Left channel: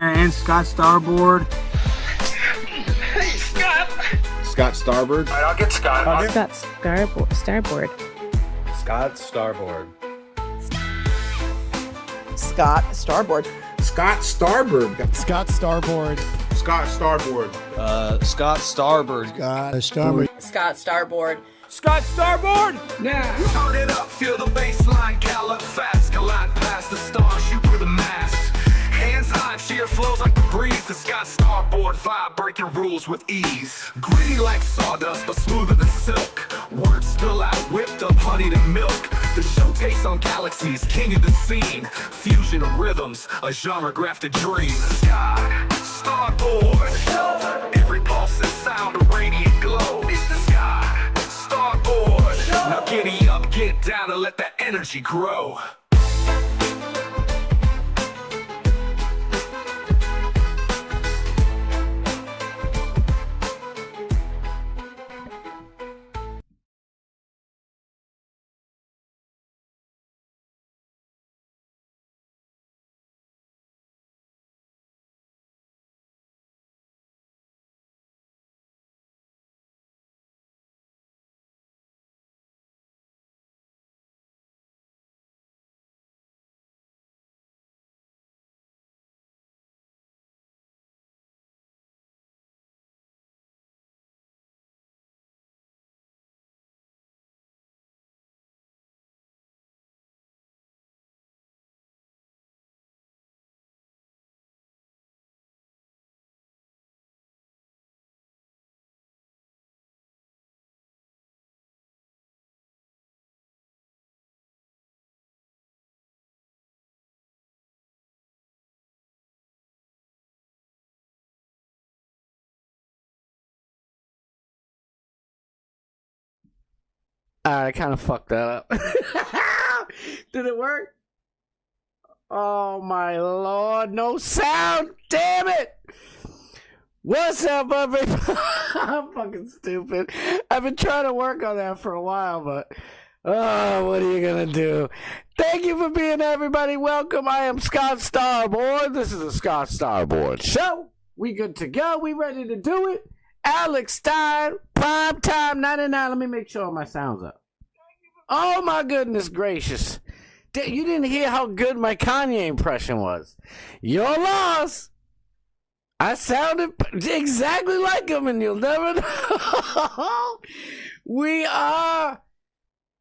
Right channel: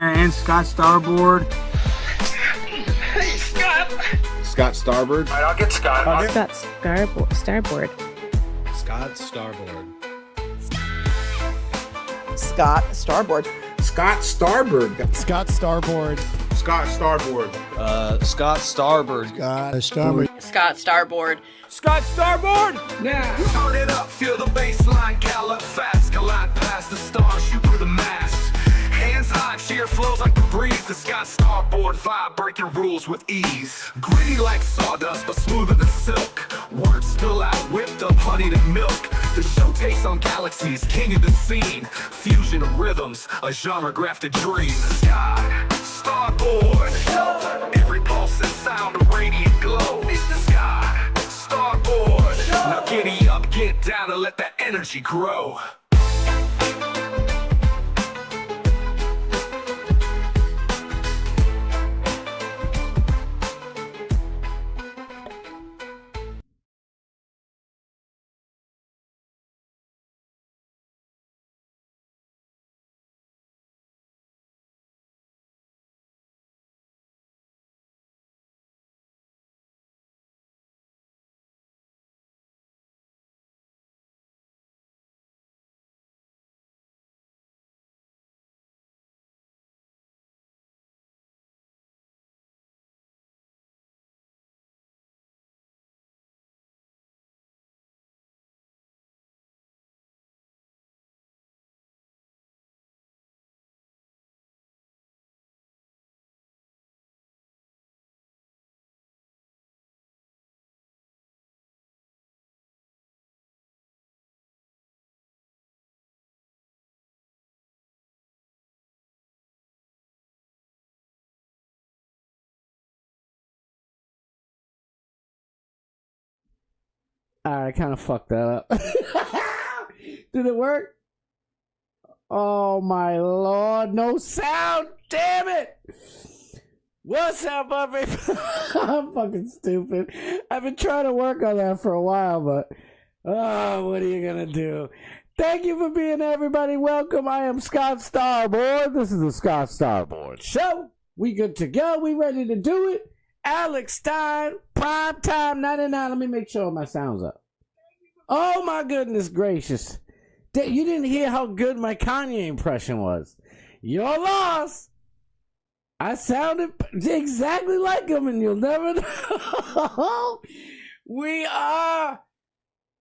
And Scott Starboard. Hey, Scott! Scott Starboard. All right, I'll get Scott. Scott Starboard. Scott Starboard. Scott Starboard. Scott Starboard. Scott Starboard. Scott Starboard. Scott Starboard. Scott Starboard. Scott Starboard. Scott Starboard! Now, turn it up, feel the baseline, gallop fast, collide past the stars, shoot through the mast. Hands high, sheer flows like the breeze. The Scott Starboard vibe, breaking rules with ease. Gritty like sawdust, but smoother than silk. Words spill out, whipped up honey to milk. The show takes on galaxies, king of the scene. Fusion of rhythms, a genre-grafted dream. Scott Starboard. Every pulse and sound, a radiant glow. It's the Scott Starboard. Now giddy up, get down, and let that energy grow. I kind of fucked that up. Did it work? Oh my lord, no sound! Damn it! What's up, everybody? I'm fucking stupid. I've been trying to work on that for a while, but what are you gonna do? Thank you for being here, everybody. Welcome. I am Scott Starboard. This is the Scott Starboard Show. We good to go. We ready to do it. Alex Stein, prime time 99. Let me make sure my sound's up. Oh my goodness gracious. You didn't hear how good my Kanye impression was. Your loss. I sounded exactly like him, and you'll never know. We are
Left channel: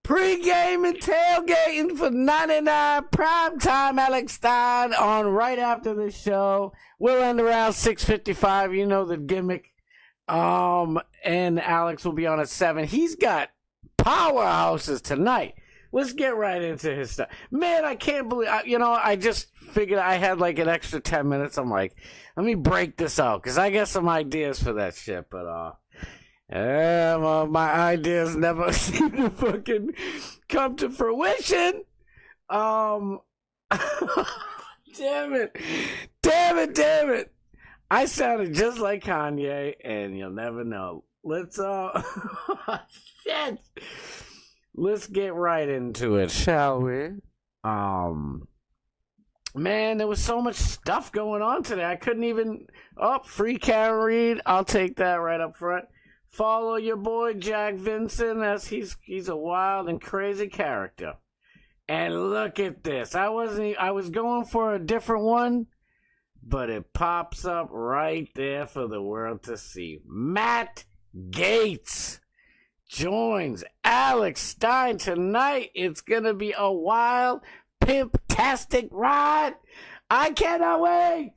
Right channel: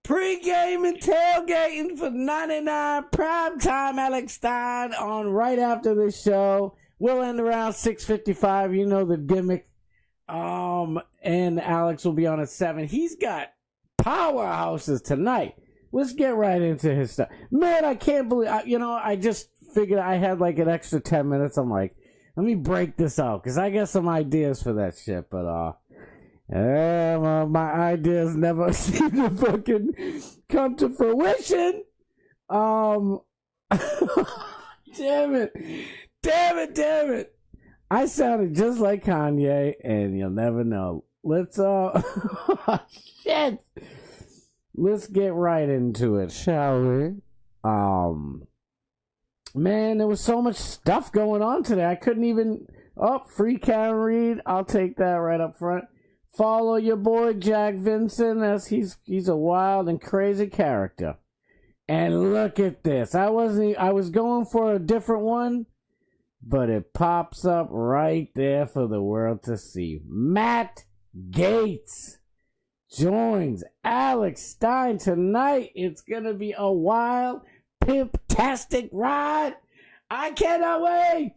pre-game and tailgating for 99 primetime Alex Stein on right after this show. We'll end around 6:55. You know the gimmick. And Alex will be on at 7. He's got powerhouses tonight. Let's get right into his stuff. Man, I can't believe, I just figured I had like an extra 10 minutes. I'm like, let me break this out, because I got some ideas for that shit, but, my ideas never seem to fucking come to fruition. Damn it. I sounded just like Kanye, and you'll never know. Let's, shit. Let's get right into it, shall we? Man, there was so much stuff going on today. I couldn't even, free Karen Reed. I'll take that right up front. Follow your boy, Jack Vincent, as he's a wild and crazy character. And look at this. I was going for a different one, but it pops up right there for the world to see. Matt Gaetz joins Alex Stein tonight. It's gonna be a wild, pimp-tastic ride. I cannot wait.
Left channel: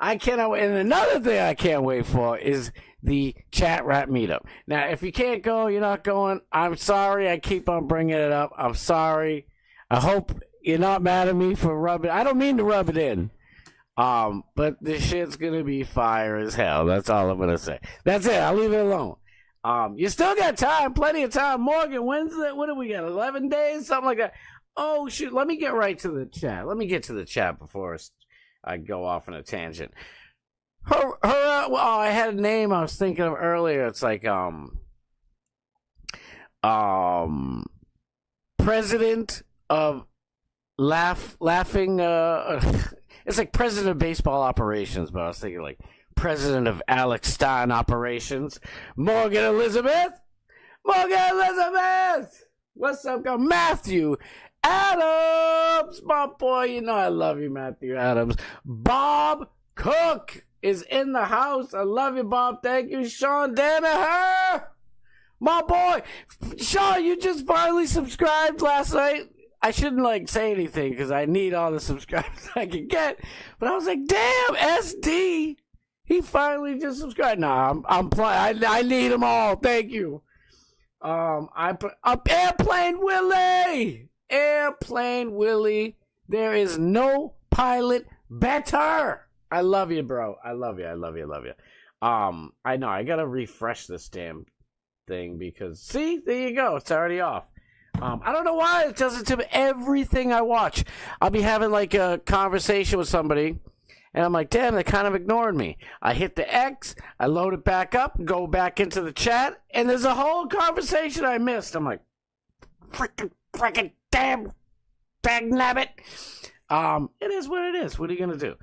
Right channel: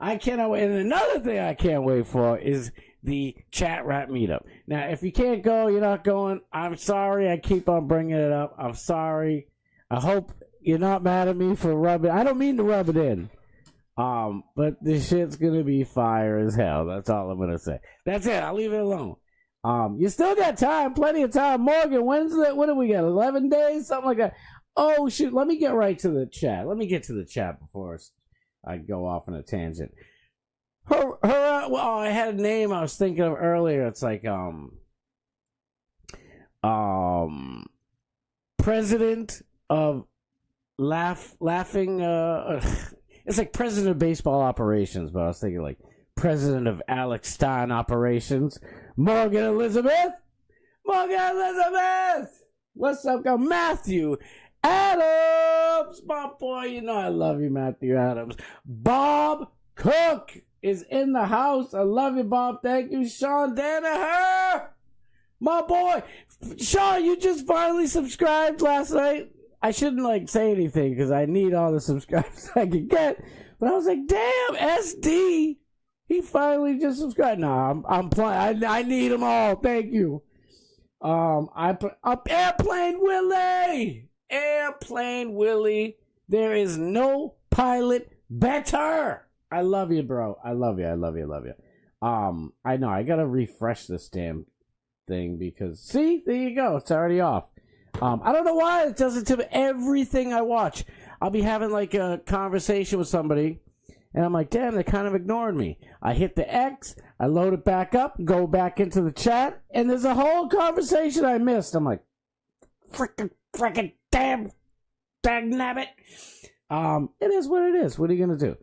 And another thing I can't wait for is the chat rap meetup. Now, if you can't go, you're not going. I'm sorry. I keep on bringing it up. I'm sorry. I hope you're not mad at me for rubbing. I don't mean to rub it in. But this shit's gonna be fire as hell. That's all I'm gonna say. That's it. I'll leave it alone. You still got time, plenty of time. Morgan, when's that? What do we got? 11 days, something like that. Oh shoot! Let me get right to the chat. Let me get to the chat before I go off on a tangent. Well, I had a name I was thinking of earlier. It's like president of laughing. It's like president of baseball operations, but I was thinking like president of Alex Stein operations. Morgan Elizabeth! Morgan Elizabeth! What's up, guy? Matthew Adams! My boy, you know I love you, Matthew Adams. Bob Cook is in the house. I love you, Bob. Thank you. Sean Danaher! My boy! Sean, you just finally subscribed last night. I shouldn't like say anything because I need all the subscribers I can get. But I was like, damn, SD! He finally just subscribed. Nah, I'm playing. I need them all. Thank you. Airplane Willie! Airplane Willie. There is no pilot better. I love you, bro. I love you. I love you. I love you. I know. I gotta refresh this damn thing because see, there you go. It's already off. I don't know why it does it to everything I watch. I'll be having like a conversation with somebody, and I'm like, damn, they kind of ignored me. I hit the X, I load it back up, go back into the chat, and there's a whole conversation I missed. I'm like, freaking damn, dagnabbit. It is what it is. What are you gonna do?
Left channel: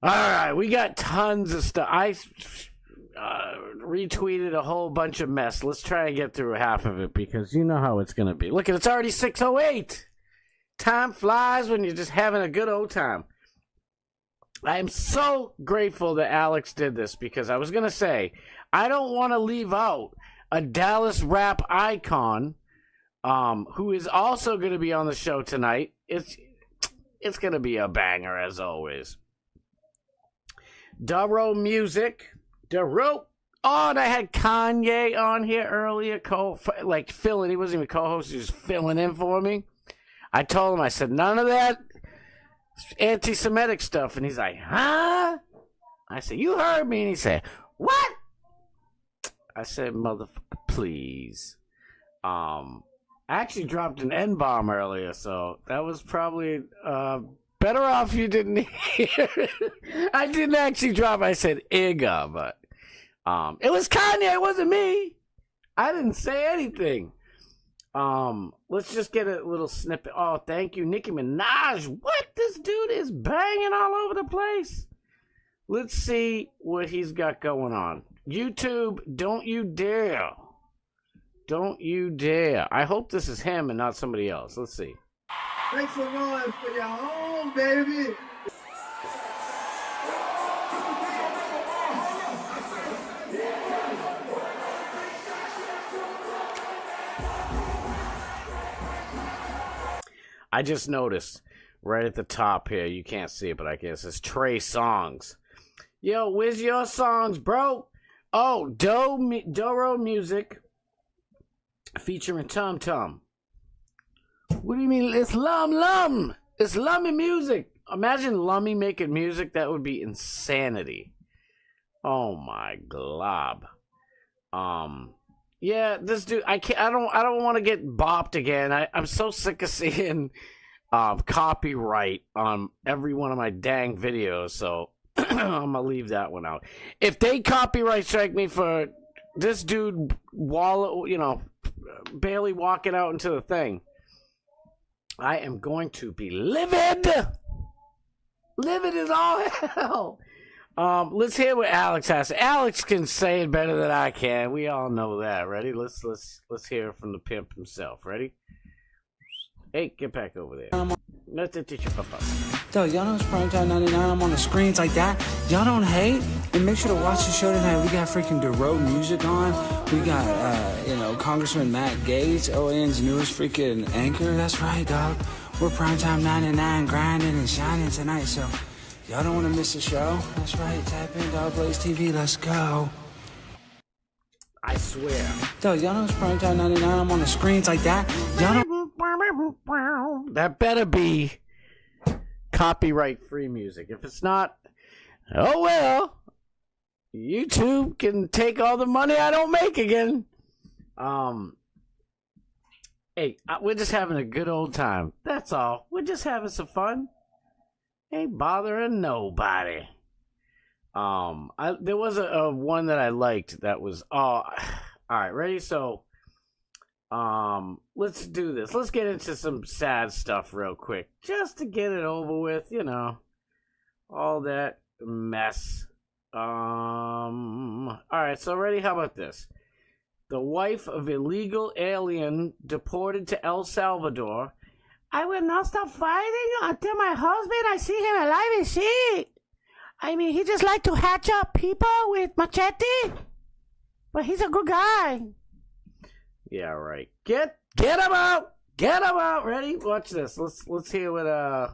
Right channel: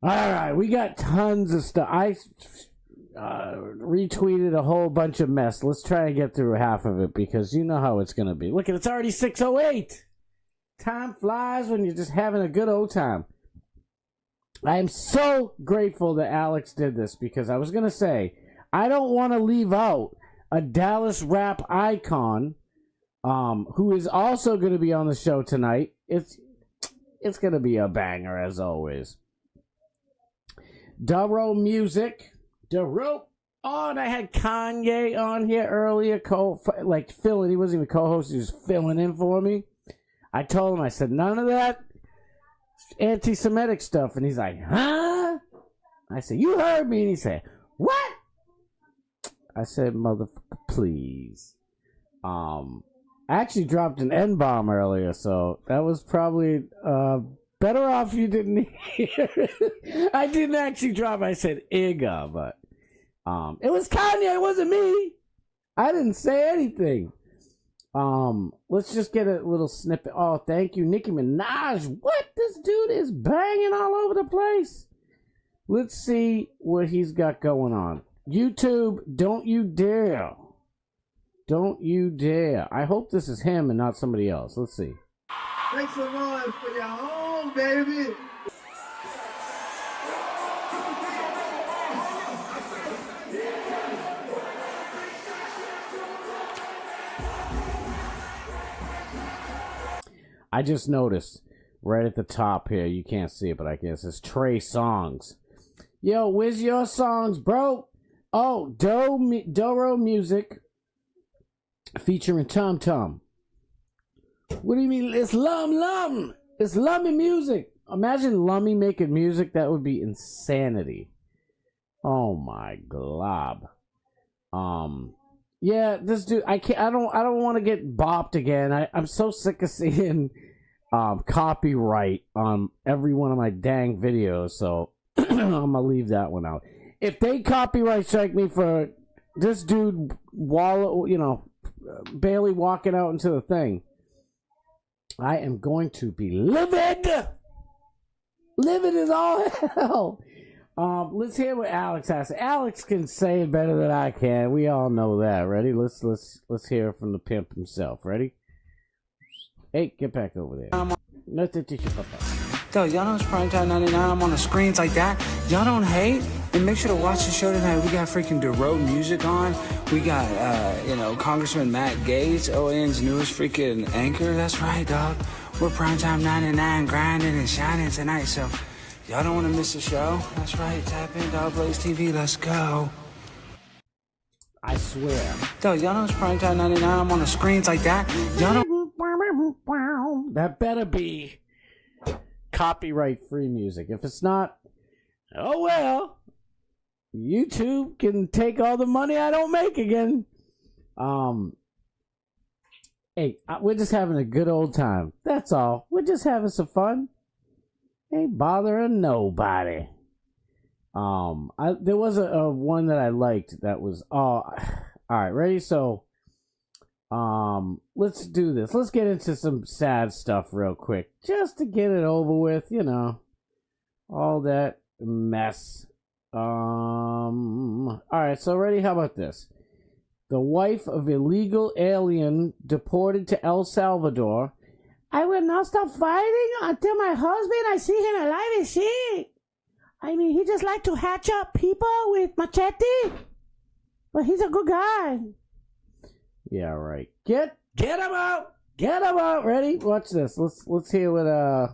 All right, we got tons of stuff. I retweeted a whole bunch of mess. Let's try and get through half of it because you know how it's gonna be. Look, it's already 6:08. Time flies when you're just having a good old time. I am so grateful that Alex did this because I was gonna say I don't want to leave out a Dallas rap icon, who is also going to be on the show tonight. It's gonna be a banger as always. Duro Music. Duro. Oh, and I had Kanye on here earlier, filling. He wasn't even co-host. He was filling in for me. I told him, I said, none of that anti-Semitic stuff. And he's like, huh? I said, you heard me. And he said, what? I said, motherfucker, please. I actually dropped an N-bomb earlier, so that was probably better off you didn't hear it. I didn't actually drop. I said Igga, but it was Kanye. It wasn't me. I didn't say anything. Let's just get a little snippet. Oh, thank you, Nicki Minaj. What? This dude is banging all over the place. Let's see what he's got going on. YouTube, don't you dare. Don't you dare. I hope this is him and not somebody else. Let's see. Thanks for rolling for your home, baby. I just noticed right at the top here, you can't see it, but I guess it's Trey Songs. Yo, where's your songs, bro? Oh, Duro Music featuring Tum Tum. What do you mean? It's Lum. It's Lummy music. Imagine Lummy making music. That would be insanity. Oh my glob. Yeah, this dude. I can't. I don't want to get bopped again. I'm so sick of seeing copyright on every one of my dang videos. So I'm gonna leave that one out. If they copyright strike me for this dude, barely walking out into the thing, I am going to be livid. Livid as all hell. Let's hear what Alex has. Alex can say it better than I can. We all know that. Ready? Let's hear it from the pimp himself. Ready? Hey, get back over there. Yo, y'all know it's Primetime 99. I'm on the screens like that. Y'all don't hate? And make sure to watch the show tonight. We got freaking Duro Music on. We got, Congressman Matt Gaetz, OAN's newest freaking anchor. That's right, dog. We're Primetime 99 grinding and shining tonight, so y'all don't want to miss the show. That's right. Tap in, Dog Blaze TV. Let's go. I swear. Yo, y'all know it's Primetime 99. I'm on the screens like that. Y'all don't... That better be copyright-free music. If it's not, oh well. YouTube can take all the money I don't make again. Hey, we're just having a good old time. That's all. We're just having some fun. Ain't bothering nobody. There was a one that I liked that was all right, ready? So let's do this. Let's get into some sad stuff real quick. Just to get it over with, all that mess. All right, so ready? How about this? The wife of illegal alien deported to El Salvador. I will not stop fighting until my husband, I see him alive and shit. I mean, he just like to hatch up people with machete, but he's a good guy. Yeah, right. Get him out. Get him out. Ready? Watch this. Let's hear what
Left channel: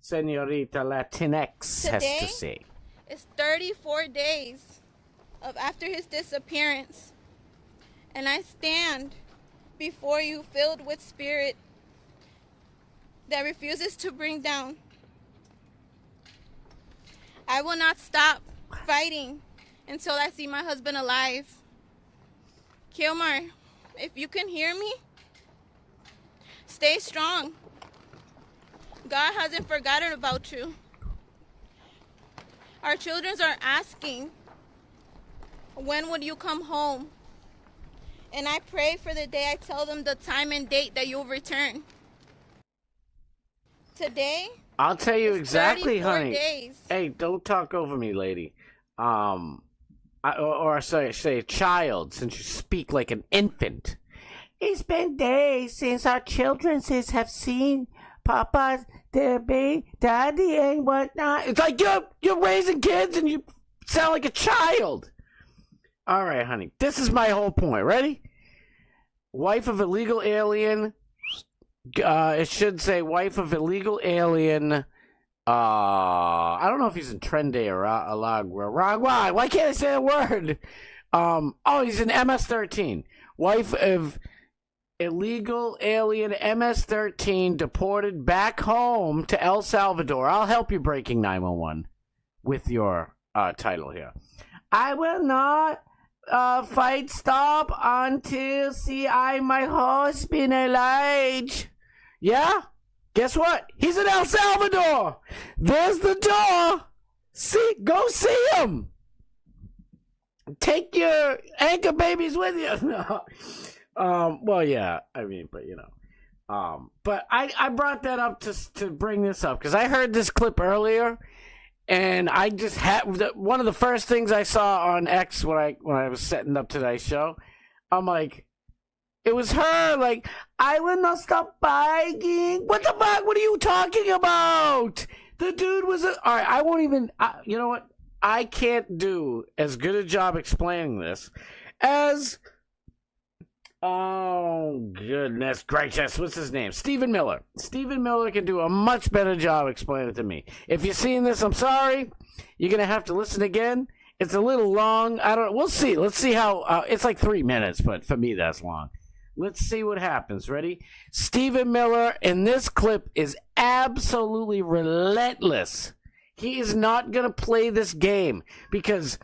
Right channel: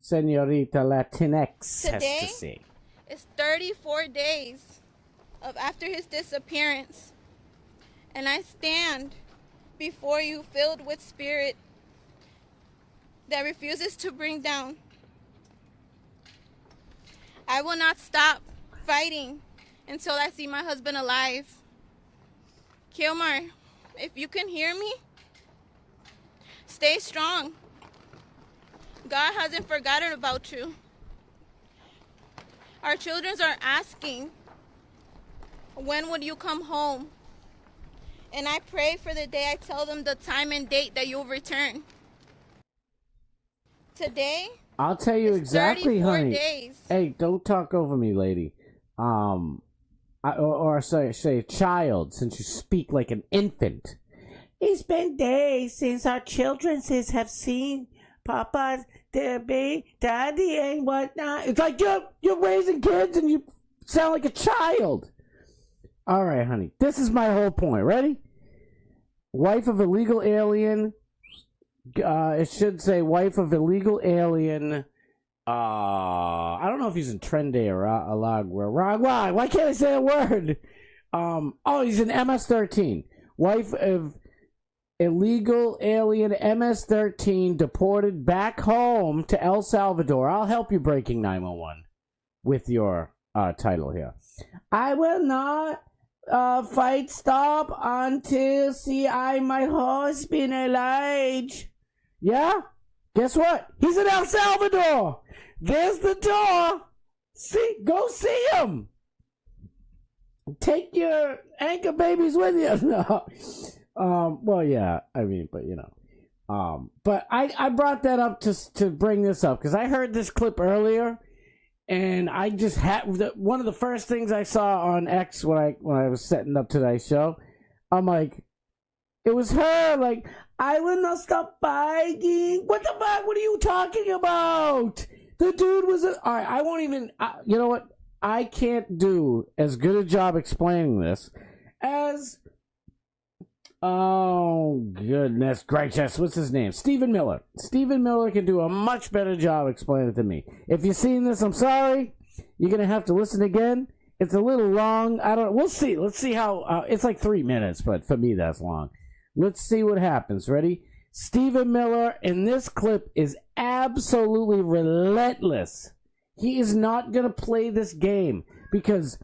Senorita Latinx has to say. It's 34 days after his disappearance, and I stand before you filled with spirit that refuses to bring down. I will not stop fighting until I see my husband alive. Kilmar, if you can hear me, stay strong. God hasn't forgotten about you. Our children are asking, when would you come home? And I pray for the day I tell them the time and date that you'll return. Today, I'll tell you exactly, 34 honey. days. Hey, don't talk over me, lady. Or say child, since you speak like an infant. It's been days since our children have seen Papa, Daddy, and whatnot. It's like you're raising kids and you sound like a child. All right, honey. This is my whole point. Ready? Wife of illegal alien. It should say wife of illegal alien. I don't know if he's in Trende or Aragua. Why can't I say a word? He's in MS-13. Wife of illegal alien MS-13 deported back home to El Salvador. I'll help you, Breaking 911, with your title here. I will not stop until see my husband alive. Yeah? Guess what? He's in El Salvador. There's the door. Go see him. Take your anchor babies with you. No. Well, yeah. I mean, but you know. But I brought that up to bring this up because I heard this clip earlier, and I just had one of the first things I saw on X when I was setting up today's show. I'm like, it was her. Like, I will not stop fighting. What the fuck? What are you talking about? The dude was all right. I won't even. You know what? I can't do as good a job explaining this as. Oh, goodness gracious. What's his name? Stephen Miller. Stephen Miller can do a much better job explaining it to me. If you've seen this, I'm sorry. You're going to have to listen again. It's a little long. I don't know. We'll see. Let's see how. It's like 3 minutes, but for me, that's long. Let's see what happens. Ready? Stephen Miller in this clip is absolutely relentless. He is not going to play this game because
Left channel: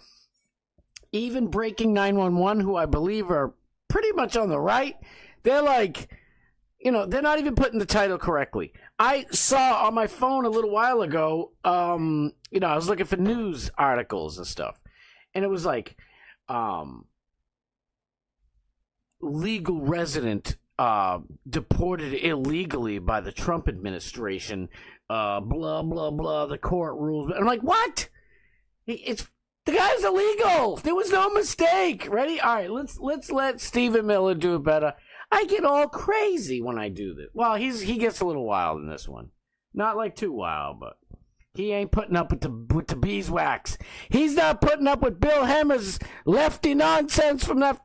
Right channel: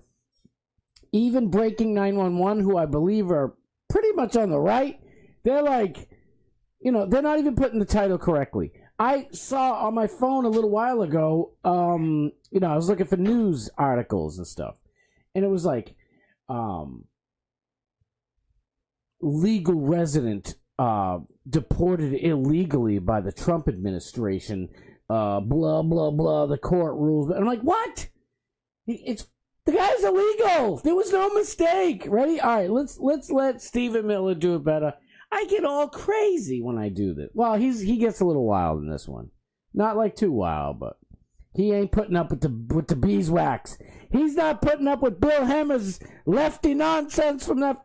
even Breaking 911, who I believe are pretty much on the right, they're like, they're not even putting the title correctly. I saw on my phone a little while ago, I was looking for news articles and stuff, and it was like, legal resident deported illegally by the Trump administration, blah, blah, blah, the court rules. I'm like, what? The guy's illegal. There was no mistake. Ready? All right, let's let Stephen Miller do it better. I get all crazy when I do this. Well, he gets a little wild in this one. Not like too wild, but he ain't putting up with the beeswax. He's not putting up with Bill Hemmer's lefty nonsense from that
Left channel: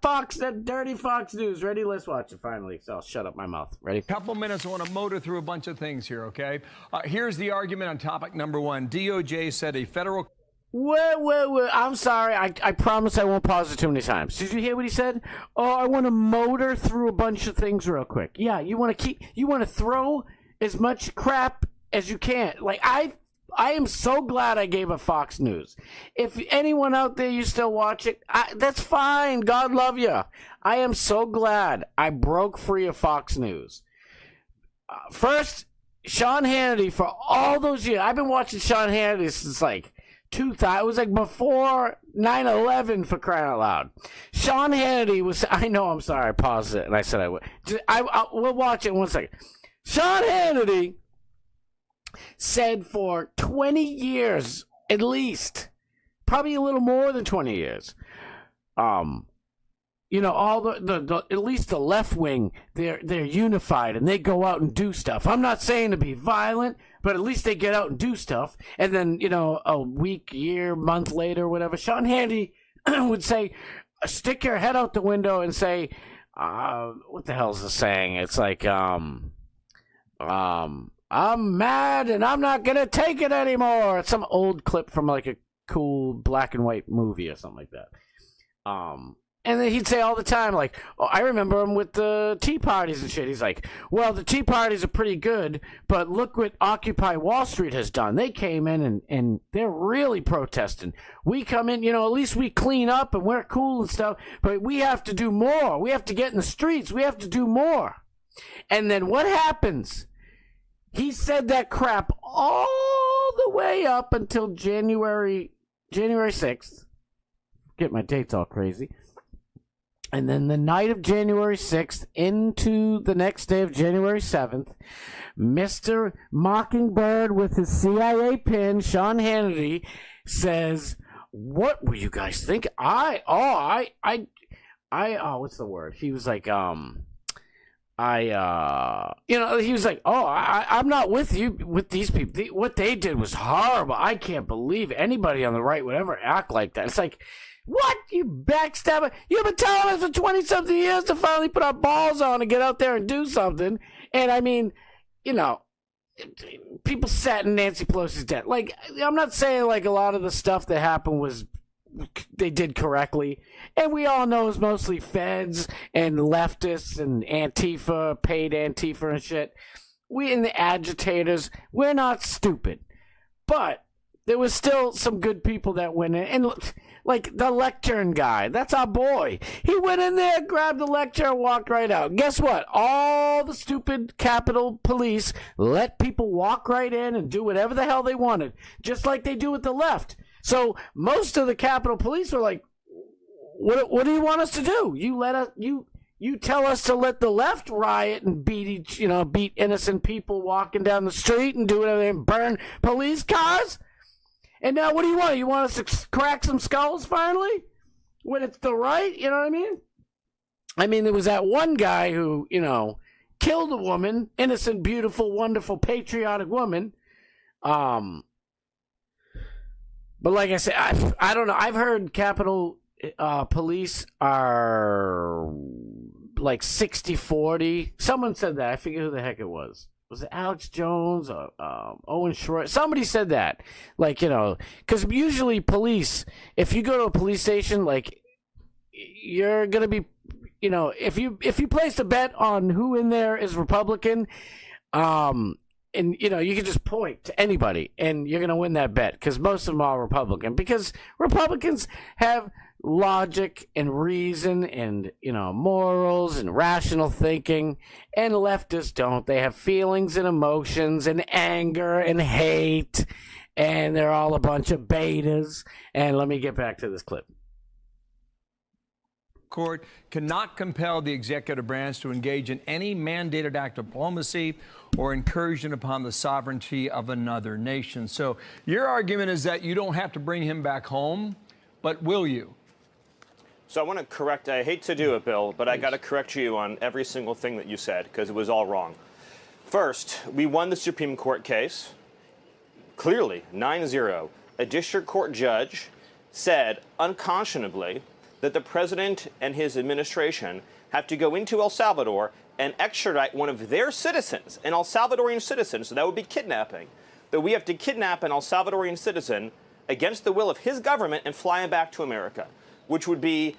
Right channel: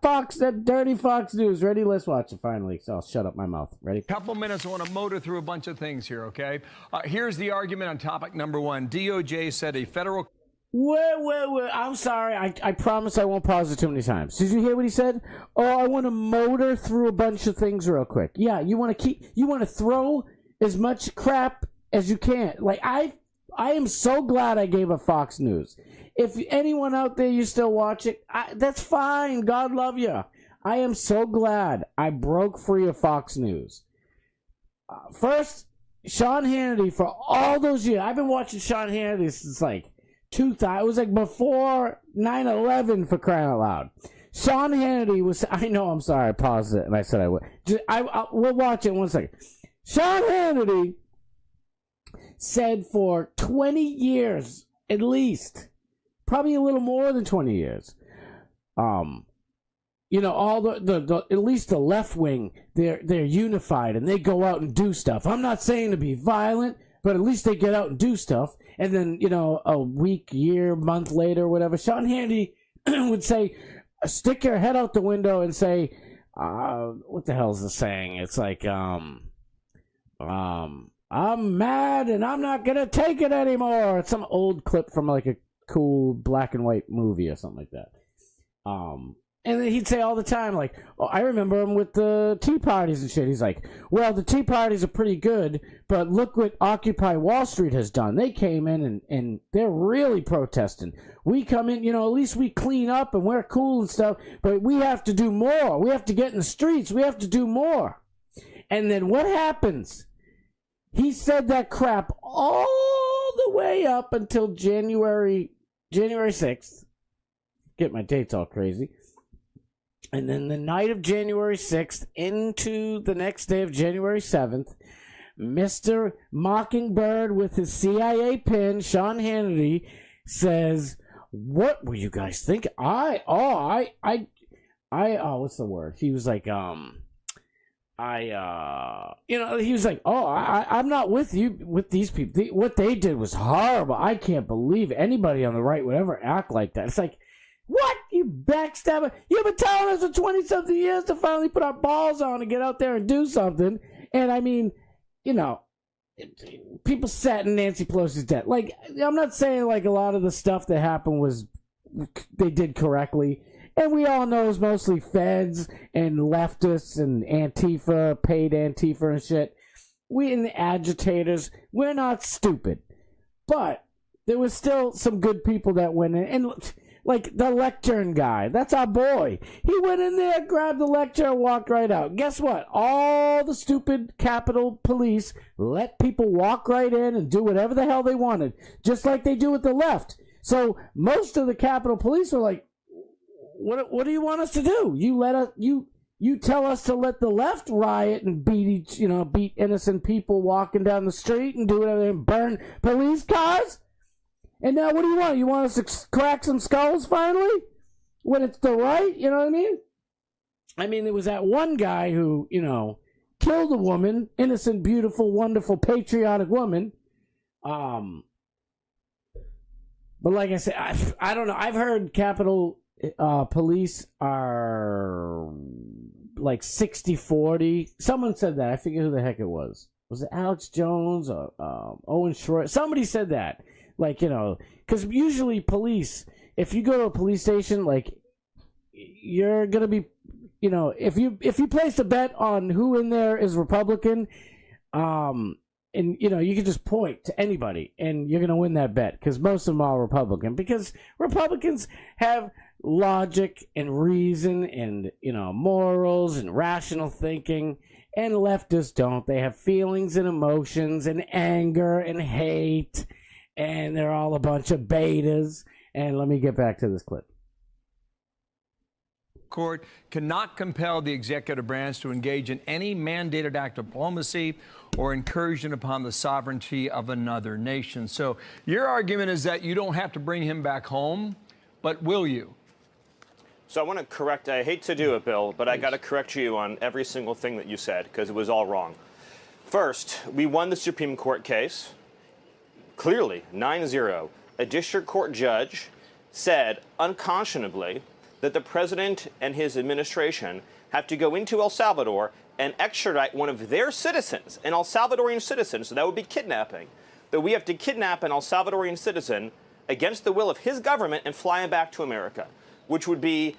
dirty Fox News. Ready? Let's watch it finally. So I'll shut up my mouth. Ready? Couple minutes. I want to motor through a bunch of things here, okay? Here's the argument on topic number one. DOJ said a federal... Wait. I'm sorry. I promise I won't pause it too many times. Did you hear what he said? Oh, I want to motor through a bunch of things real quick. Yeah, you want to throw as much crap as you can. Like, I am so glad I gave up Fox News. If anyone out there, you still watch it, that's fine. God love you. I am so glad I broke free of Fox News. First, Sean Hannity, for all those years, I've been watching Sean Hannity since like 2000. It was like before 9/11, for crying out loud. Sean Hannity was, I know, I'm sorry, I paused it and I said I would. We'll watch it in 1 second. Sean Hannity said for 20 years, at least, probably a little more than 20 years, you know, all the at least the left wing, they're unified and they go out and do stuff. I'm not saying to be violent, but at least they get out and do stuff. And then, you know, a week, year, month later, whatever, Sean Hannity would say, stick your head out the window and say, what the hell's the saying? It's like, I'm mad and I'm not gonna take it anymore. It's some old clip from like a cool black and white movie or something like that. And then he'd say all the time, like, oh, I remember him with the tea parties and shit. He's like, well, the tea parties are pretty good, but look what Occupy Wall Street has done. They came in and they're really protesting. We come in, you know, at least we clean up and we're cool and stuff, but we have to do more. We have to get in the streets. We have to do more. And then what happens? He said that crap all the way up until January 6th. Get my dates all crazy. And then the night of January 6th into the next day of January 7th, Mr. Mockingbird with his CIA pin, Sean Hannity, says, what were you guys thinking? What's the word? He was like, he was like, I'm not with you, with these people. What they did was horrible. I can't believe anybody on the right would ever act like that. It's like, what? You backstabber. You've been telling us for 20-something years to finally put our balls on and get out there and do something. And, I mean, you know, people sat in Nancy Pelosi's debt. Like, I'm not saying, like, a lot of the stuff that happened was they did correctly. And we all know it's mostly feds and leftists and Antifa, paid Antifa and shit. We and the agitators, we're not stupid. But there was still some good people that went in. And like the lectern guy, that's our boy. He went in there, grabbed the lecture, and walked right out. Guess what? All the stupid Capitol Police let people walk right in and do whatever the hell they wanted, just like they do with the left. So most of the Capitol Police were like, "What do you want us to do? You tell us to let the left riot and beat innocent people walking down the street and do whatever and burn police cars." And now what do you want? You want us to crack some skulls finally? When it's the right? You know what I mean? I mean, there was that one guy who, you know, killed a woman, innocent, beautiful, wonderful, patriotic woman. But like I said, I don't know. I've heard Capitol Police are like 60-40. Someone said that. I forget who the heck it was. Was it Alex Jones or Owen Shroyer? Somebody said that. Like, you know, because usually police, if you go to a police station, like, you're going to be, you know, if you place a bet on who in there is Republican, and, you know, you can just point to anybody and you're going to win that bet because most of them are Republican. Because Republicans have logic and reason and, you know, morals and rational thinking, and leftists don't. They have feelings and emotions and anger and hate, and they're all a bunch of betas. And let me get back to this clip. Court cannot compel the executive branch to engage in any mandated act of diplomacy or incursion upon the sovereignty of another nation. So your argument is that you don't have to bring him back home, but will you? So I want to correct, I hate to do it, Bill, but I got to correct you on every single thing that you said because it was all wrong. First, we won the Supreme Court case, clearly, 9-0. A district court judge said unconscionably that the president and his administration have to go into El Salvador and extradite one of their citizens, an El Salvadorian citizen, so that would be kidnapping, that we have to kidnap an El Salvadorian citizen against the will of his government and fly him back to America, which would be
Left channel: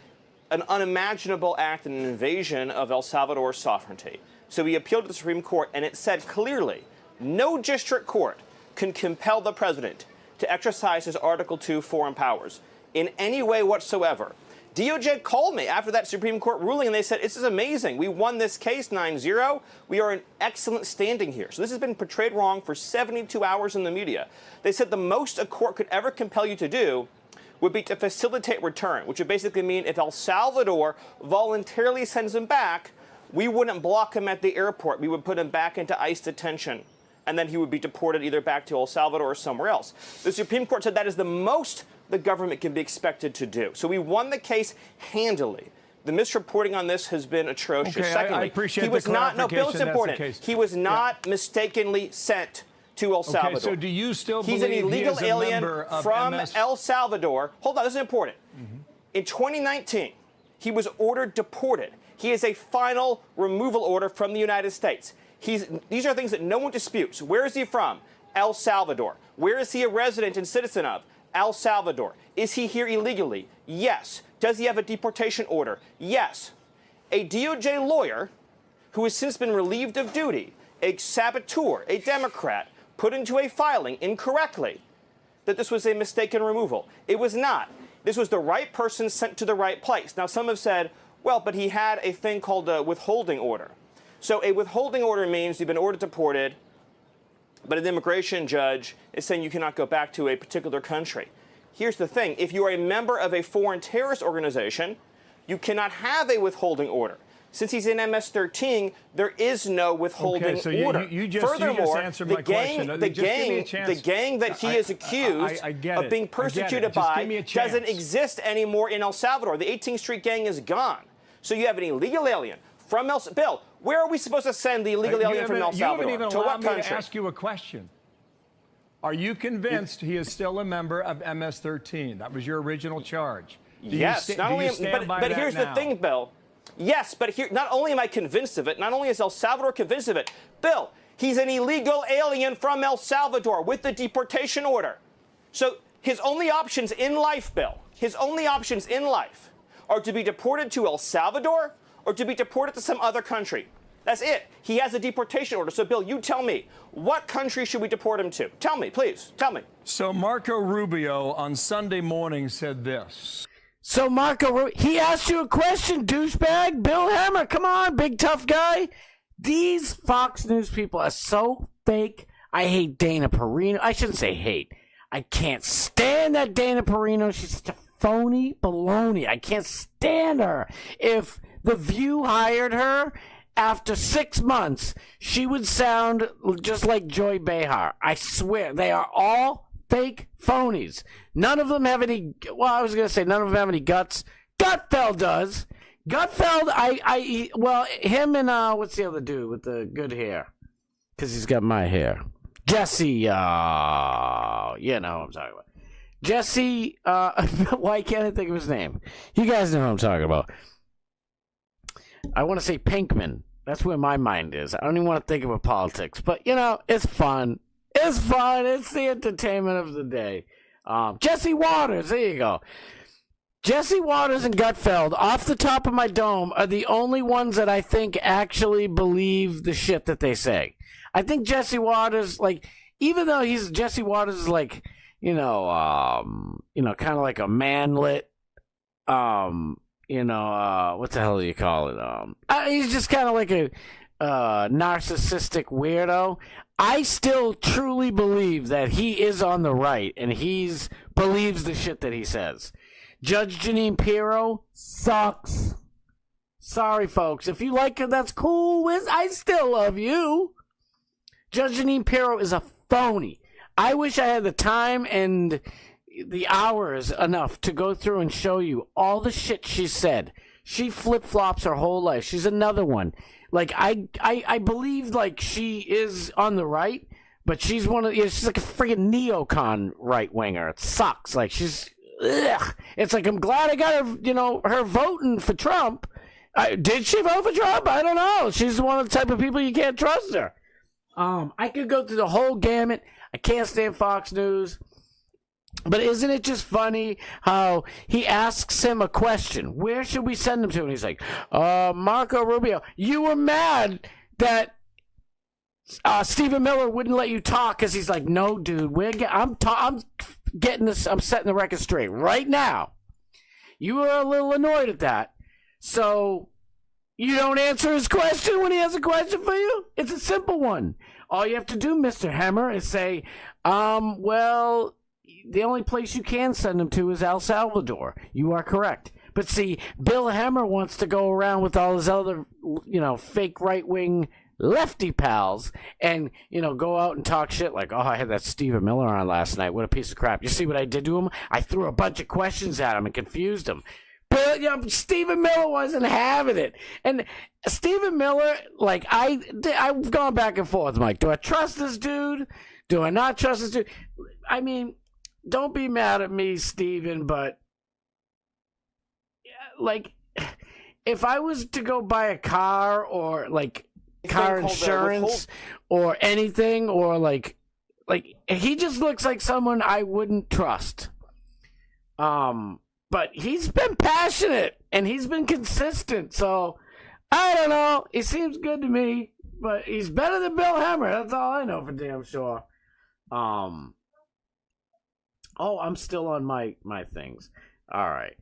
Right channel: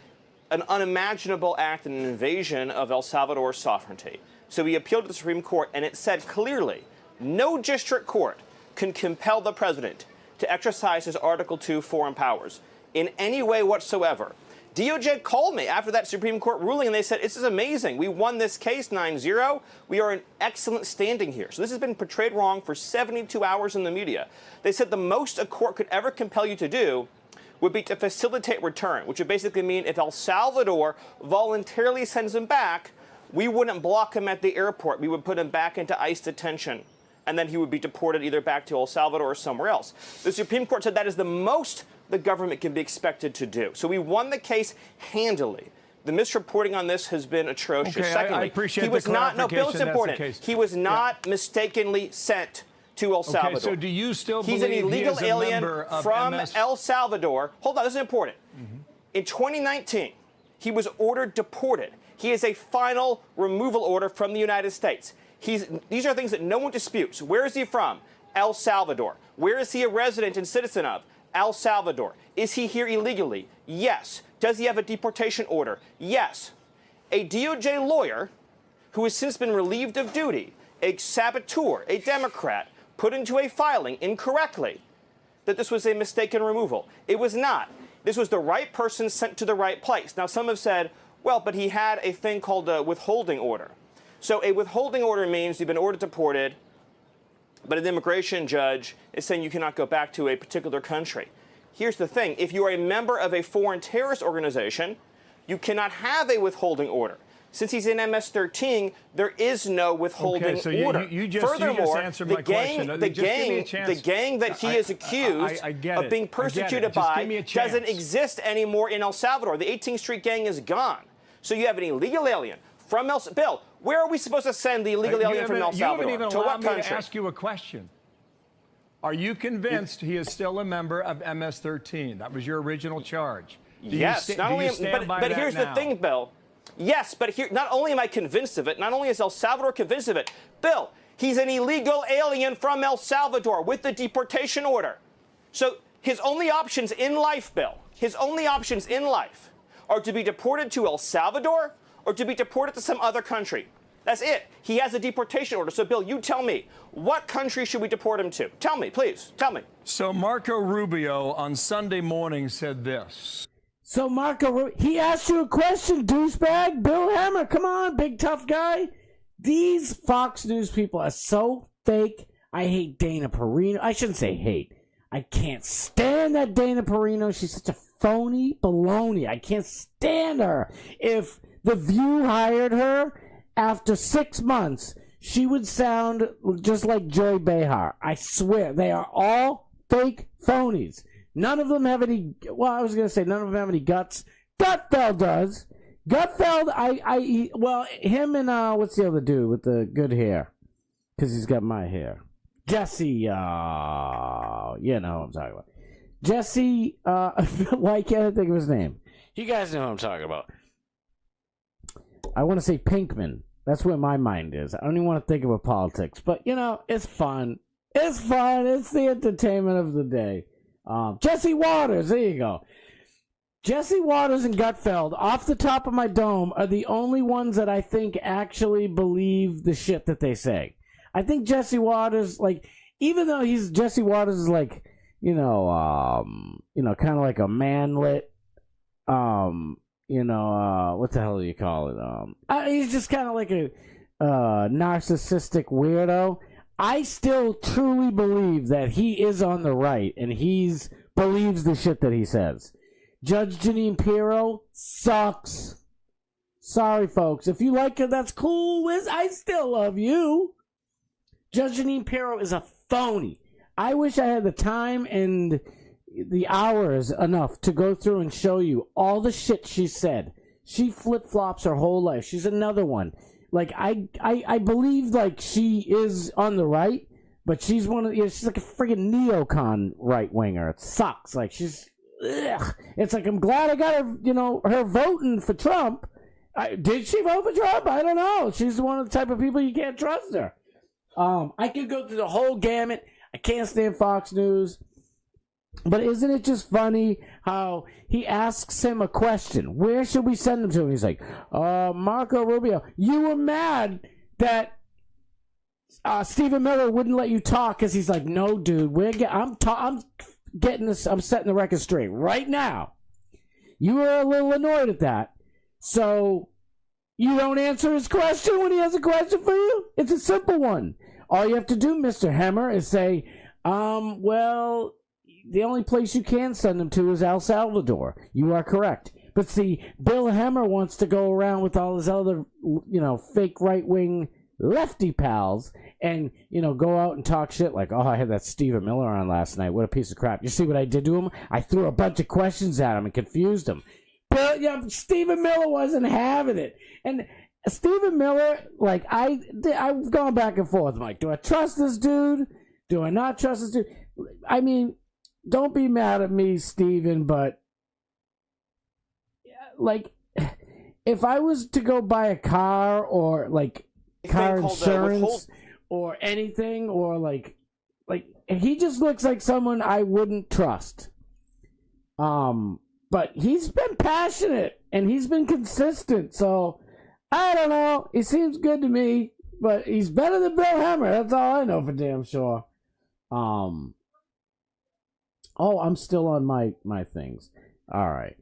an unimaginable act and an invasion of El Salvador's sovereignty. So we appealed to the Supreme Court, and it said clearly, no district court can compel the president to exercise his Article 2 foreign powers in any way whatsoever. DOJ called me after that Supreme Court ruling, and they said, this is amazing. We won this case 9-0. We are in excellent standing here. So this has been portrayed wrong for 72 hours in the media. They said the most a court could ever compel you to do would be to facilitate return, which would basically mean if El Salvador voluntarily sends him back, we wouldn't block him at the airport. We would put him back into ICE detention. and then he would be deported either back to El Salvador or somewhere else. The Supreme Court said that is the most the government can be expected to do. So we won the case handily. The misreporting on this has been atrocious. Okay, Secondly, I appreciate he was the not, no, Bill, it's clarification important. He was not mistakenly sent to El Salvador. Okay, so do you still He's believe an illegal he is a alien member of from MS? El Salvador. Hold on, this is important. In 2019, he was ordered deported. He has a final removal order from the United States. These are things that no one disputes. Where is he from? El Salvador. Where is he a resident and citizen of? El Salvador. Is he here illegally? Yes. Does he have a deportation order? Yes. A DOJ lawyer who has since been relieved of duty, a saboteur, a Democrat, put into a filing incorrectly that this was a mistaken removal. It was not. This was the right person sent to the right place. Now, some have said, well, but he had a thing called a withholding order. So a withholding order means you've been ordered deported, but an immigration judge is saying you cannot go back to a particular country. Here's the thing. If you are a member of a foreign terrorist organization, you cannot have a withholding order. Since he's in MS-13, there is no withholding order. Furthermore, the gang that he is accused of being persecuted by doesn't exist anymore in El Salvador. The 18th Street gang is gone. So you have an illegal alien from El Salvador. Bill, where are we supposed to send the illegal alien from El Salvador? You haven't even to allowed what me to country? ask you a question. Are you convinced he is still a member of MS-13? That was your original charge. Yes. But here's the thing, Bill. Yes, but here, not only am I convinced of it, not only is El Salvador convinced of it, Bill, he's an illegal alien from El Salvador with the deportation order. So his only options in life, Bill, his only options in life are to be deported to El Salvador or to be deported to some other country. That's it. He has a deportation order. So, Bill, you tell me, what country should we deport him to? Tell me, please. Tell me. So Marco Rubio on Sunday morning said this. So Marco, he asked you a question, douchebag. Bill Hammer, come on, big tough guy. These Fox News people are so fake. I hate Dana Perino. I shouldn't say hate. I can't stand that Dana Perino. She's such a phony baloney. I can't stand her. If The View hired her, after 6 months, she would sound just like Joy Behar. I swear, they are all fake phonies. None of them have any, well, I was going to say none of them have any guts. Gutfeld does. Gutfeld, well, him and, what's the other dude with the good hair? Because he's got my hair. Jesse, you know who I'm talking about. Jesse, why can't I think of his name? You guys know who I'm talking about. I want to say Pinkman. That's where my mind is. I don't even want to think about politics. But, you know, it's fun. It's fun. It's the entertainment of the day. Jesse Waters. There you go. Jesse Waters and Gutfeld, off the top of my dome, are the only ones that I think actually believe the shit that they say. I think Jesse Waters, like, even though Jesse Waters is like, kind of like a manlet, what the hell do you call it? He's just kind of like a narcissistic weirdo. I still truly believe that he is on the right, and believes the shit that he says. Judge Jeanine Pirro sucks. Sorry, folks. If you like her, that's cool. I still love you. Judge Jeanine Pirro is a phony. I wish I had the time and the hours enough to go through and show you all the shit she said. She flip-flops her whole life. She's another one. Like, I believe, like, she is on the right, but she's she's like a freaking neocon right-winger. It sucks. Like, she's, ugh. It's like, I'm glad I got her, her voting for Trump. Did she vote for Trump? I don't know. She's one of the type of people you can't trust her. I could go through the whole gamut. I can't stand Fox News. But isn't it just funny how he asks him a question? Where should we send him to? And he's like, Marco Rubio, you were mad that Stephen Miller wouldn't let you talk, because he's like, no, dude, I'm getting this. I'm setting the record straight right now. You were a little annoyed at that, so you don't answer his question when he has a question for you. It's a simple one. All you have to do, Mr. Hammer, is say, well, the only place you can send him to is El Salvador. You are correct. But see, Bill Hammer wants to go around with all his other, fake right-wing lefty pals and, go out and talk shit like, oh, I had that Stephen Miller on last night. What a piece of crap. You see what I did to him? I threw a bunch of questions at him and confused him. But Stephen Miller wasn't having it. And Stephen Miller, like, I've gone back and forth. I'm like, do I trust this dude? Do I not trust this dude? I mean, don't be mad at me, Stephen, but, like, if I was to go buy a car or, like, car insurance or anything, or, like, he just looks like someone I wouldn't trust. But he's been passionate, and he's been consistent, so I don't know. He seems good to me, but he's better than Bill Hemmer. That's all I know for damn sure. Oh, I'm still on my things. All right.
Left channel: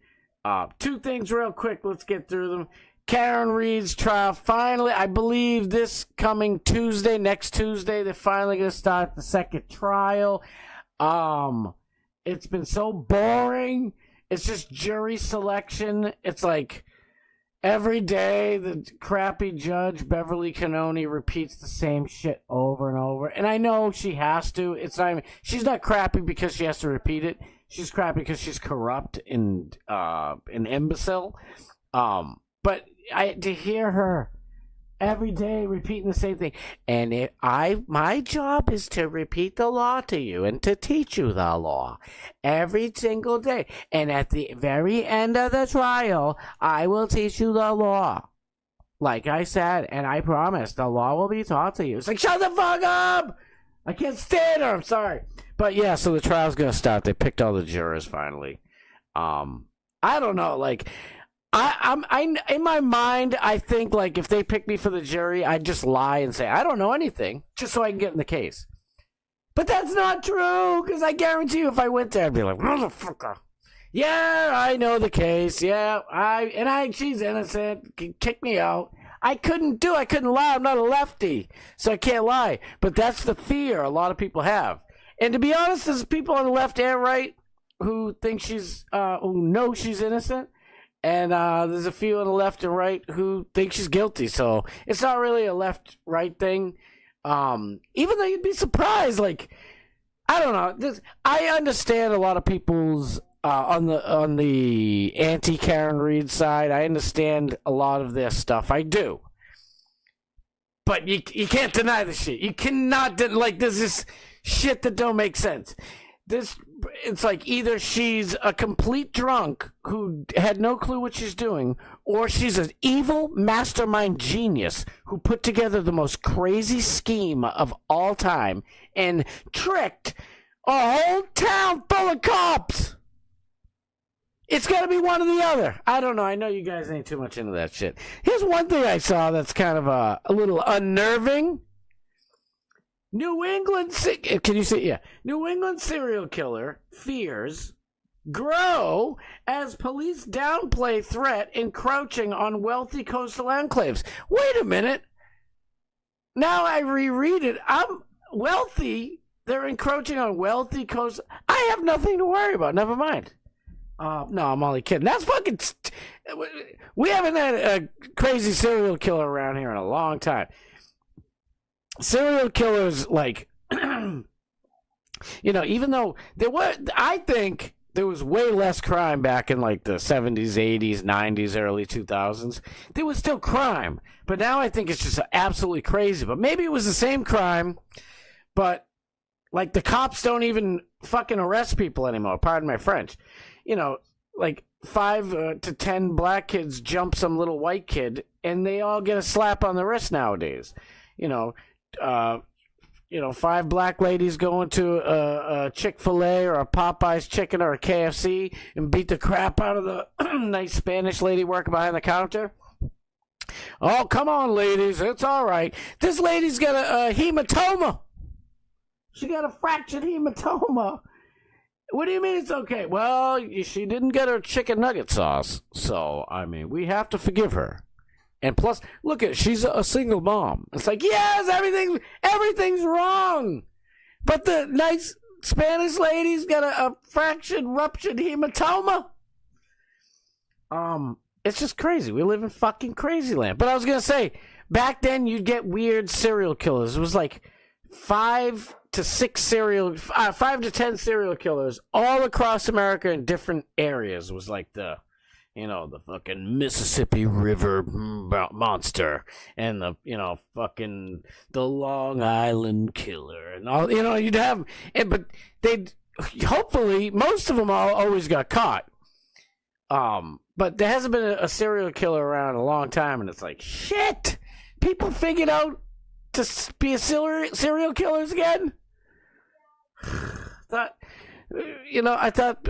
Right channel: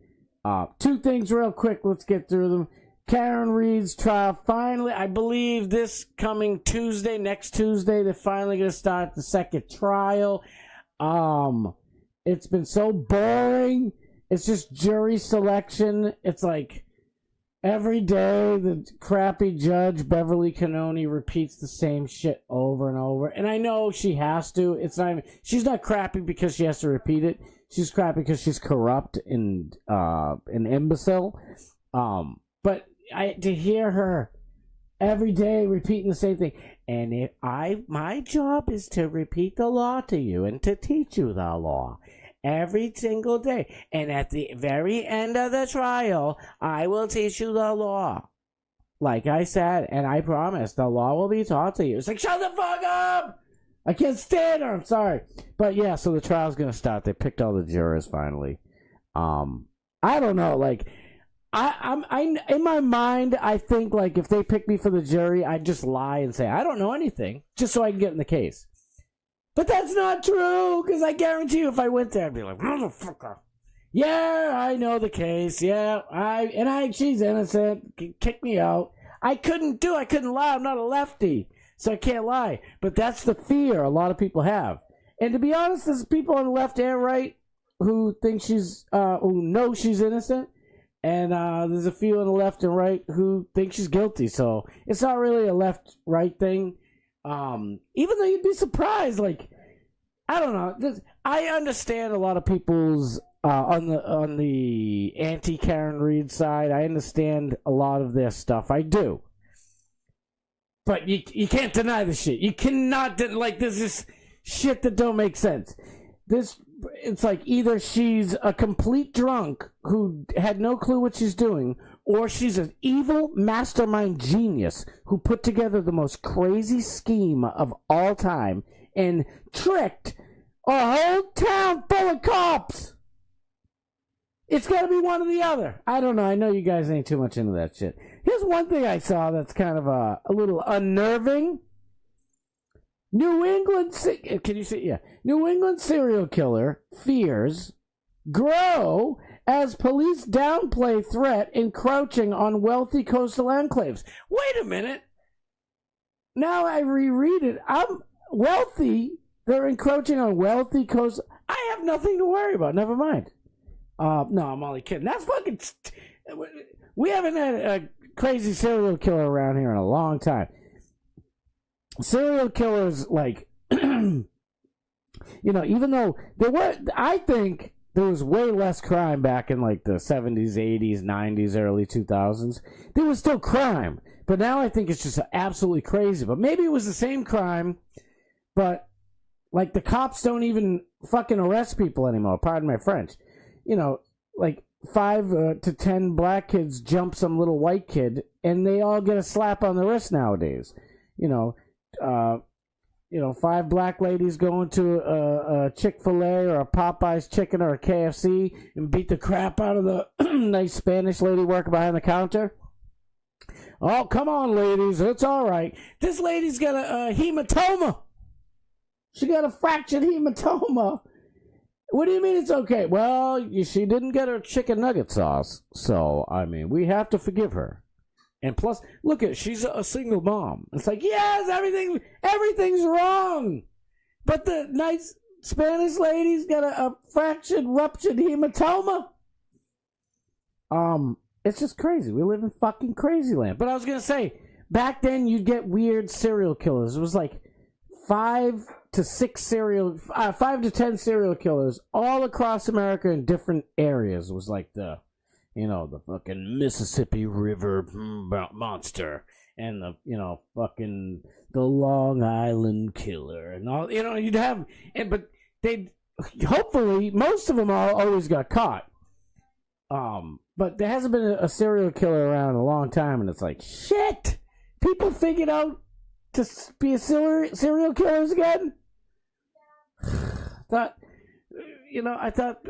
Two things real quick. Let's get through them. Karen Reed's trial. Finally, I believe this coming Tuesday, next Tuesday, they're finally going to start the second trial. It's been so boring. It's just jury selection. It's like every day the crappy judge, Beverly Cannoni, repeats the same shit over and over. And I know she has to. It's not even, she's not crappy because she has to repeat it. She's crappy because she's corrupt and an imbecile. But to hear her every day repeating the same thing, and my job is to repeat the law to you and to teach you the law every single day. And at the very end of the trial, I will teach you the law. Like I said, and I promise, the law will be taught to you. It's like, shut the fuck up! I can't stand her. I'm sorry. But yeah, so the trial's going to start. They picked all the jurors finally. I don't know. Like, I in my mind, I think, like, if they pick me for the jury, I'd just lie and say, I don't know anything, just so I can get in the case. But that's not true, because I guarantee you if I went there, I'd be like, motherfucker. Yeah, I know the case. Yeah, she's innocent. Kick me out. I couldn't lie. I'm not a lefty, so I can't lie. But that's the fear a lot of people have. And to be honest, there's people on the left and right who think who know she's innocent. And there's a few on the left and right who think she's guilty. So it's not really a left-right thing. Even though you'd be surprised, like, I don't know. I understand a lot of people's on the anti-Karen Reed side. I understand a lot of their stuff. I do. But you can't deny the shit. You cannot like, there's this shit that don't make sense. It's like either she's a complete drunk who had no clue what she's doing, or she's an evil mastermind genius who put together the most crazy scheme of all time and tricked a whole town full of cops. It's got to be one or the other. I don't know. I know you guys ain't too much into that shit. Here's one thing I saw that's kind of a little unnerving. New England serial killer fears grow as police downplay threat encroaching on wealthy coastal enclaves. Wait a minute. Now I reread it. I'm wealthy. They're encroaching on wealthy coastal. I have nothing to worry about. Never mind. No, I'm only kidding. That's fucking. We haven't had a crazy serial killer around here in a long time. Serial killers, like, even though I think there was way less crime back in, like, the 70s, 80s, 90s, early 2000s. There was still crime, but now I think it's just absolutely crazy. But maybe it was the same crime, but, like, the cops don't even fucking arrest people anymore, pardon my French. Like 5 to 10 black kids jump some little white kid, and they all get a slap on the wrist nowadays. 5 black ladies go into a Chick-fil-A or a Popeye's chicken or a KFC and beat the crap out of the nice Spanish lady working behind the counter. Oh, come on, ladies. It's all right. This lady's got a hematoma. She got a fractured hematoma. What do you mean it's okay? Well, she didn't get her chicken nugget sauce. So, I mean, we have to forgive her. And plus, look at, she's a single mom. It's like, yes, everything's wrong. But the nice Spanish lady's got a fractured, ruptured hematoma. It's just crazy. We live in fucking crazy land. But I was going to say, back then you'd get weird serial killers. It was like 5 to 10 serial killers all across America in different areas. It was like the fucking Mississippi River monster and the fucking the Long Island killer and all. You'd have, but they'd hopefully most of them always got caught. But there hasn't been a serial killer around in a long time, and it's like shit. People figured out to be serial killers again. I thought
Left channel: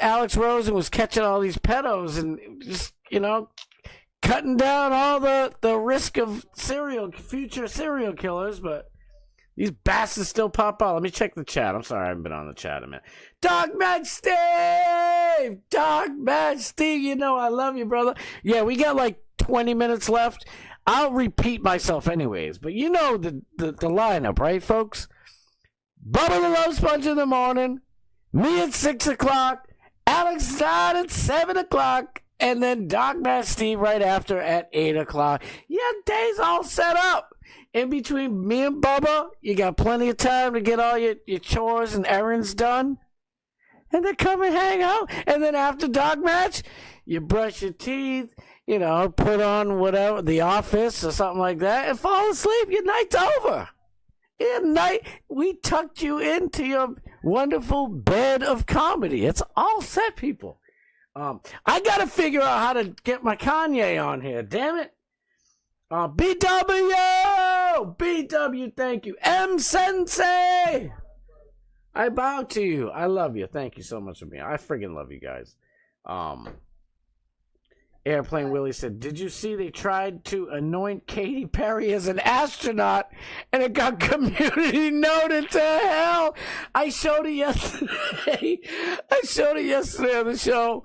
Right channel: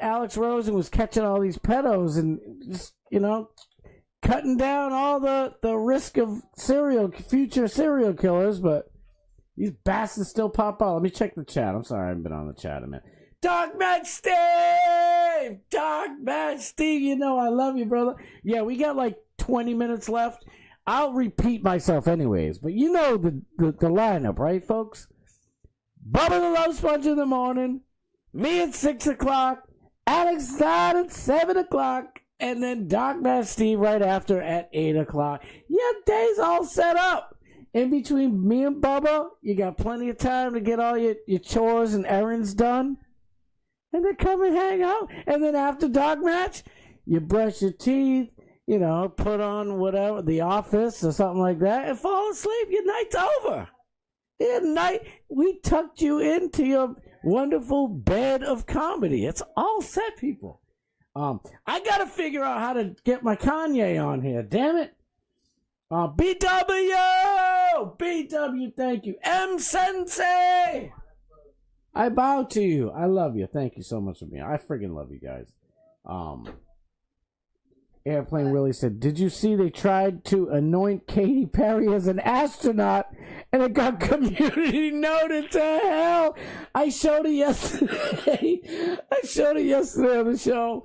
Alex Rosen was catching all these pedos and just cutting down all the risk of future serial killers, but these bastards still pop out. Let me check the chat. I'm sorry, I haven't been on the chat a minute. Dog Match Steve! I love you, brother. Yeah, we got like 20 minutes left. I'll repeat myself anyways, but you know the lineup, right, folks? Bubba the Love Sponge in the morning, me at 6 o'clock, Alex Stein at 7 o'clock, and then Doc Matt Steve right after at 8 o'clock. Your day's all set up. In between me and Bubba, you got plenty of time to get all your chores and errands done. And then come and hang out. And then after Dog Match, you brush your teeth, put on whatever, The Office or something like that, and fall asleep. Your night's over. We tucked you into your wonderful bed of comedy. It's all set, people. I got to figure out how to get my Kanye on here. Damn it. BW, thank you. M Sensei, I bow to you. I love you. Thank you so much for being. I friggin' love you guys. Airplane Willie said, did you see they tried to anoint Katy Perry as an astronaut and it got community noted to hell? I showed it yesterday. On the show.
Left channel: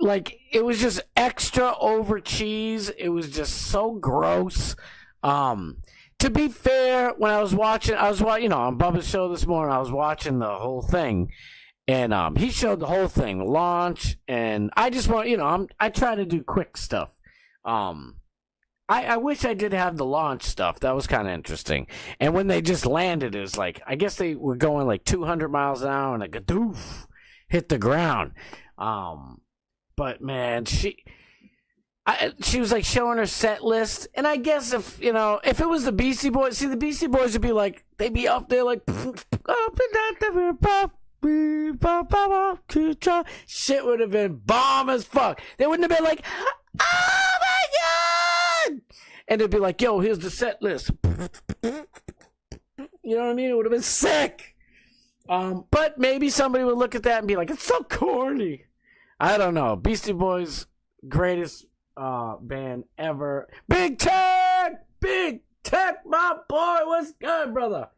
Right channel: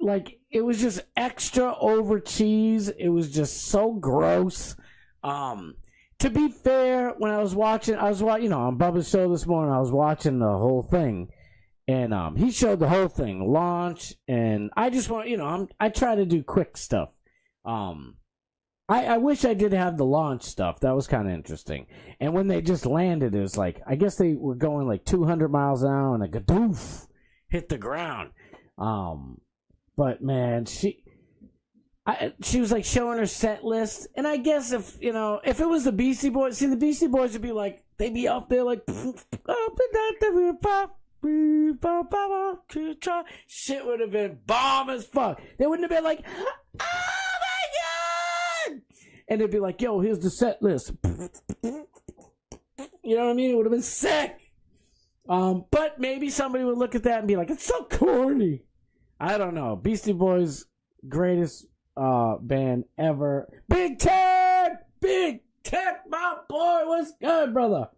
Like, it was just extra over cheese. It was just so gross. To be fair, when I was watching, on Bubba's show this morning, I was watching the whole thing. And he showed the whole thing, the launch, and I just want, I try to do quick stuff. I wish I did have the launch stuff. That was kind of interesting. And when they just landed, it was like, I guess they were going like 200 miles an hour and a gadoof hit the ground. But man, she was like showing her set list, and I guess if it was the Beastie Boys, the Beastie Boys would be like, they'd be up there like, shit would have been bomb as fuck. They wouldn't have been like, oh my god, and they'd be like, yo, here's the set list. You know what I mean? It would have been sick. But maybe somebody would look at that and be like, it's so corny. I don't know. Beastie Boys, greatest band ever. Big Tech, my boy, what's good, brother?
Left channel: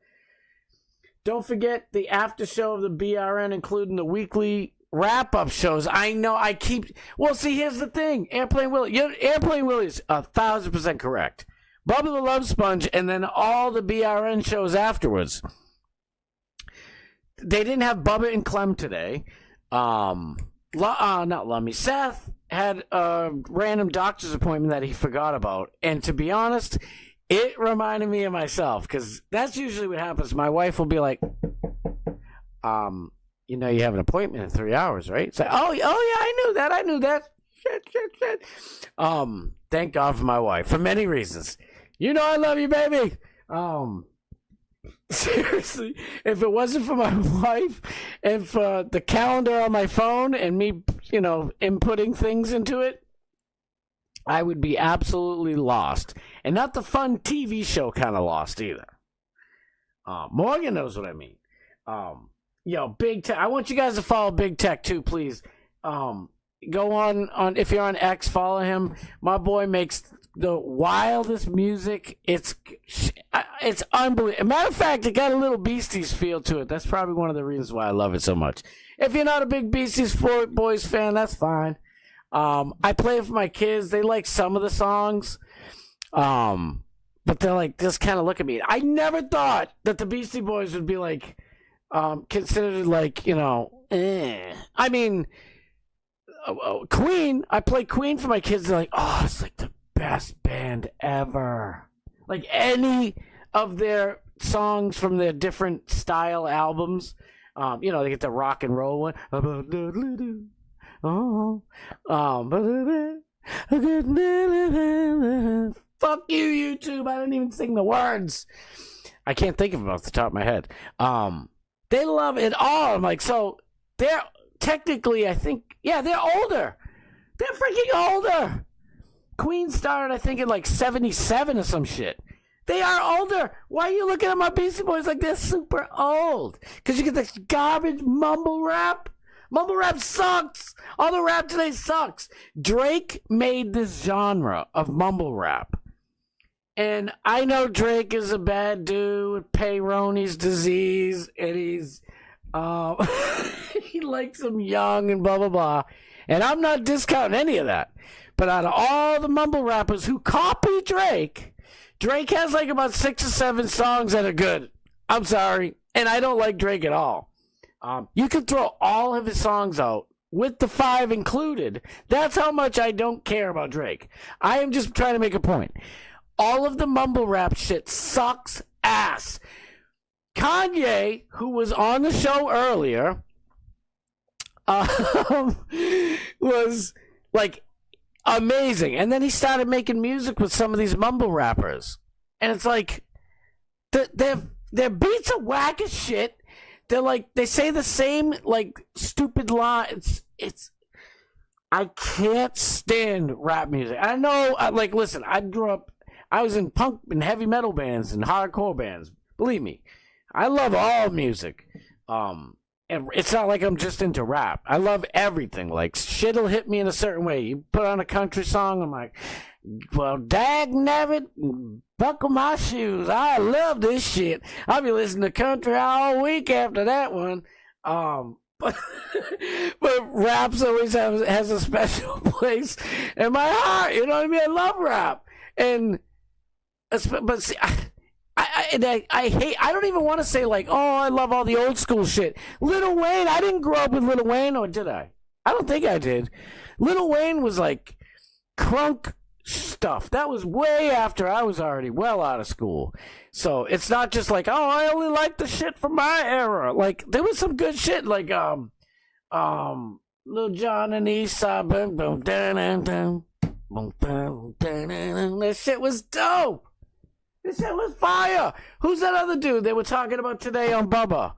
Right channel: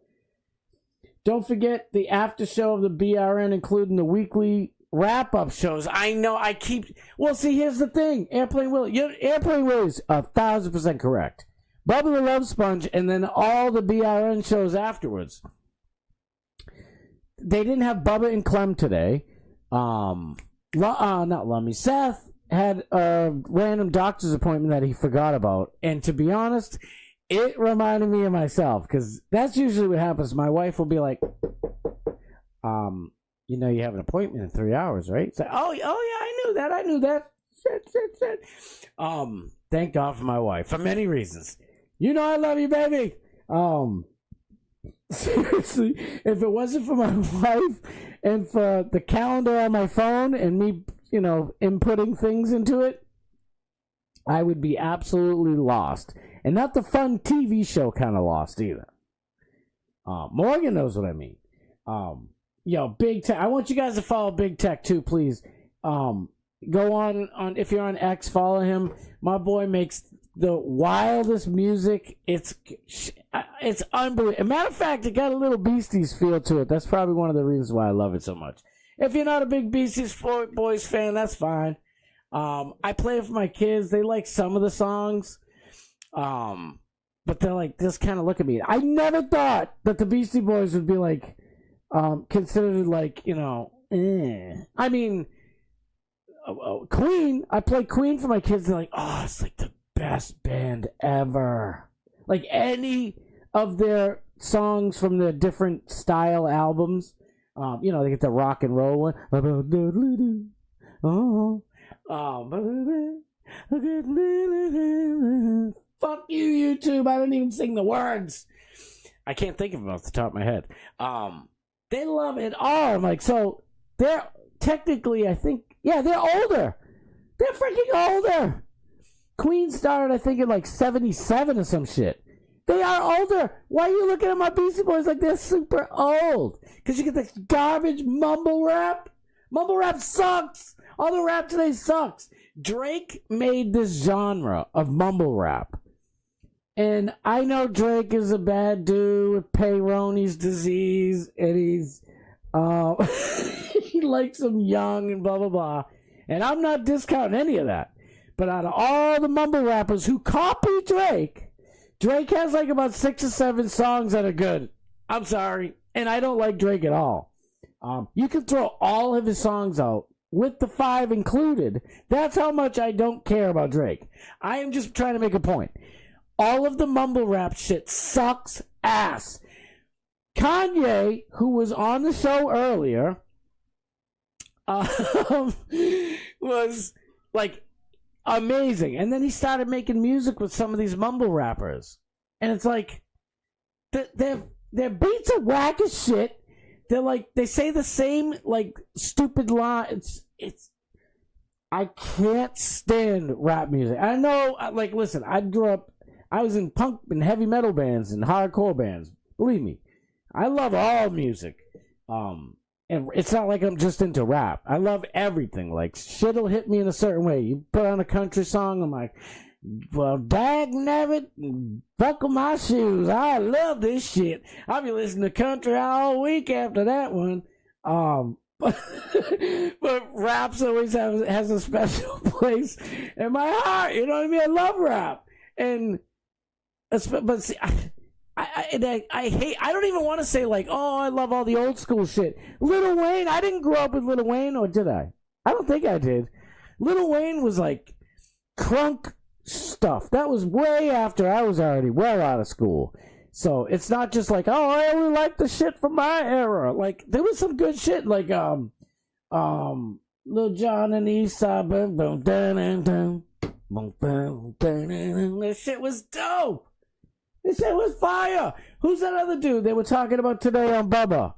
Don't forget the after show of the BRN, including the weekly wrap-up shows. I know I keep... Well, see, here's the thing. Airplane Willie's 1,000% correct. Bubba the Love Sponge, and then all the BRN shows afterwards. They didn't have Bubba and Clem today. Not Lummy. Seth had a random doctor's appointment that he forgot about. And to be honest... It reminded me of myself, because that's usually what happens. My wife will be like, you have an appointment in 3 hours, right? It's like, oh yeah, I knew that. Shit. Thank God for my wife, for many reasons. I love you, baby. Seriously, if it wasn't for my wife and for the calendar on my phone and me, inputting things into it, I would be absolutely lost. And not the fun TV show kind of lost either. Morgan knows what I mean. Big Tech. I want you guys to follow Big Tech too, please. Go on if you're on X, follow him. My boy makes the wildest music. It's unbelievable. Matter of fact, it got a little Beasties feel to it. That's probably one of the reasons why I love it so much. If you're not a big Beasties Boys fan, that's fine. I play it for my kids. They like some of the songs. But they're like, just kind of look at me. I never thought that the Beastie Boys would be like, considered like, I mean, Queen, I play Queen for my kids. They're like, oh, it's like the best band ever. Like any of their songs from their different style albums, you know, they get the rock and roll one. Fuck you, YouTube. I didn't even sing the words. I can't think of them off the top of my head. They love it all. I'm like, so they're technically, I think, yeah, they're older. They're freaking older. Queen started, I think, in like 77 or some shit. They are older. Why are you looking at my Beastie Boys like they're super old? Because you get this garbage mumble rap. Mumble rap sucks. All the rap today sucks. Drake made this genre of mumble rap. And I know Drake is a bad dude with Peyronie's disease, and he's he likes them young and blah blah blah. And I'm not discounting any of that. But out of all the mumble rappers who copy Drake, Drake has like about 6 or 7 songs that are good. I'm sorry, and I don't like Drake at all. You can throw all of his songs out with the 5 included. That's how much I don't care about Drake. I am just trying to make a point. All of the mumble rap shit sucks ass. Kanye, who was on the show earlier, was like amazing. And then he started making music with some of these mumble rappers. And it's like, their beats are whack as shit. They're like, they say the same, like, stupid lines. I can't stand rap music. I know, like, listen, I was in punk and heavy metal bands and hardcore bands. Believe me, I love all music. And it's not like I'm just into rap. I love everything. Like, shit'll hit me in a certain way. You put on a country song, I'm like, well, dag nabbit, buckle my shoes. I love this shit. I'll be listening to country all week after that one. But raps always has a special place in my heart. You know what I mean? I love rap. And but see, I hate. I don't even want to say like, oh, I love all the old school shit. Lil Wayne. I didn't grow up with Lil Wayne, or did I? I don't think I did. Lil Wayne was like crunk stuff. That was way after I was already well out of school. So it's not just like, oh, I only like the shit from my era. Like there was some good shit, like Lil Jon and Eastside, boom boom dun dun boom boom dun. That shit was dope. This shit was fire. Who's that other dude they were talking about today on Bubba?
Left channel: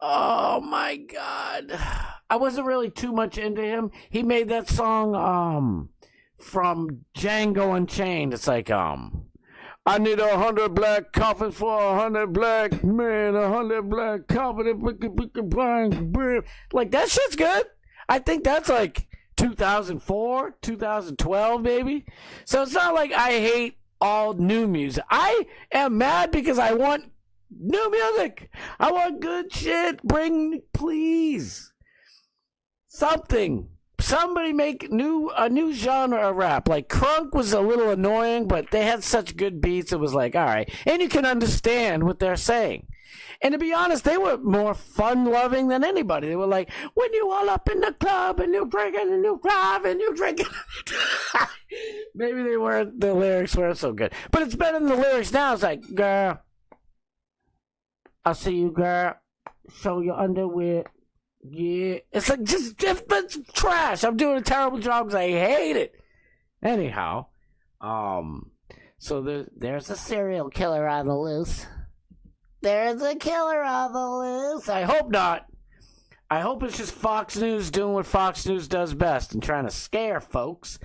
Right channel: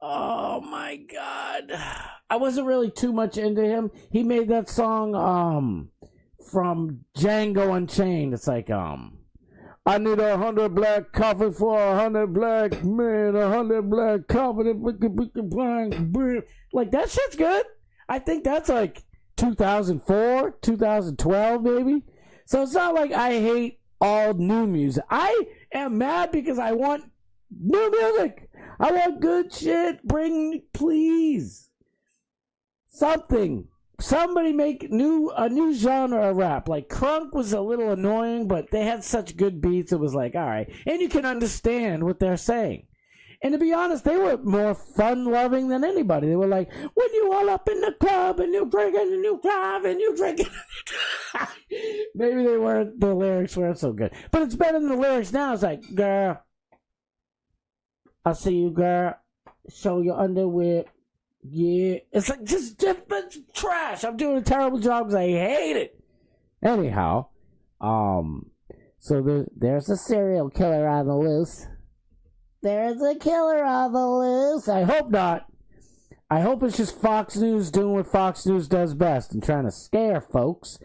Oh my god, I wasn't really too much into him. He made that song from Django Unchained. It's like I need 100 black coffee for 100 black men, 100 black coffee. Like that shit's good. I think that's like 2004, 2012, maybe. So it's not like I hate all new music. I am mad because I want new music. I want good shit. Bring, please, something. Somebody make a new genre of rap. Like crunk was a little annoying, but they had such good beats. It was like, all right, and you can understand what they're saying. And to be honest, they were more fun-loving than anybody. They were like, when you all up in the club and you drinking and you drive and you drinking. Maybe they weren't. The lyrics weren't so good, but it's better than the lyrics now. It's like, girl, I see you, girl. Show your underwear. Yeah, it's like just different trash. I'm doing a terrible job because I hate it. Anyhow, so there's a serial killer on the loose. There's a killer on the loose. I hope not. I hope it's just Fox News doing what Fox News does best and trying to scare folks.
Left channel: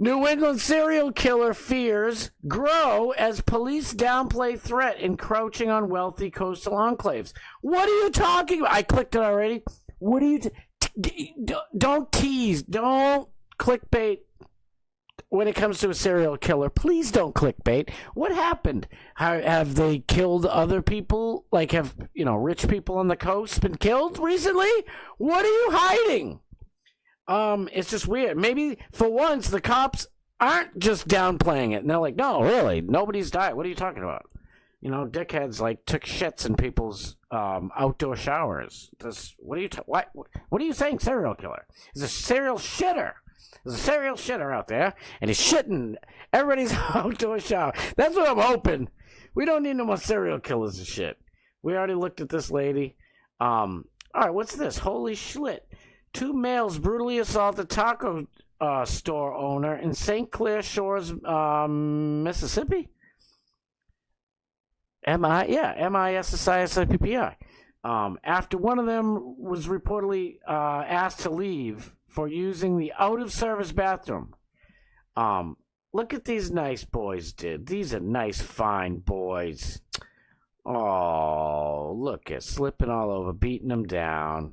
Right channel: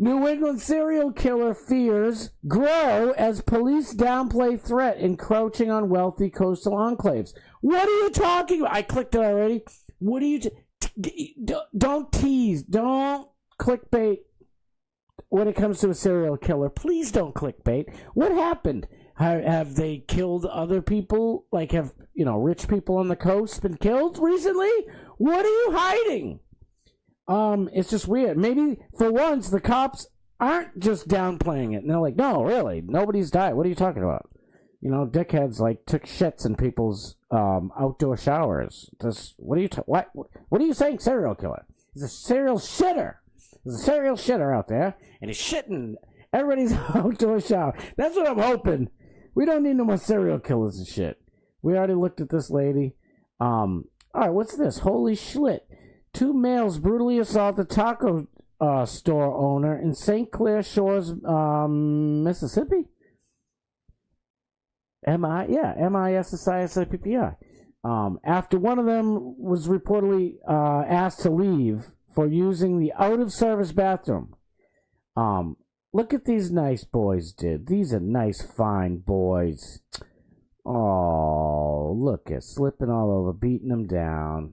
New England serial killer fears grow as police downplay threat encroaching on wealthy coastal enclaves. What are you talking about? I clicked it already. What are you... don't tease. Don't clickbait when it comes to a serial killer. Please don't clickbait. What happened? Have they killed other people? Like, have, rich people on the coast been killed recently? What are you hiding? It's just weird. Maybe for once the cops aren't just downplaying it, and they're like, "No, really, nobody's died. What are you talking about?" Dickheads like took shits in people's outdoor showers. What are you saying? Serial killer is a serial shitter. There's a serial shitter out there, and he's shitting everybody's outdoor shower. That's what I'm hoping. We don't need no more serial killers and shit. We already looked at this lady. All right, what's this? Holy shit. 2 males brutally assault a taco store owner in St. Clair Shores, Mississippi? M-I-S-S-I-S-I-P-P-I. After one of them was reportedly asked to leave for using the out-of-service bathroom. Look at these nice boys, dude. These are nice, fine boys. Oh, look at slipping all over, beating them down.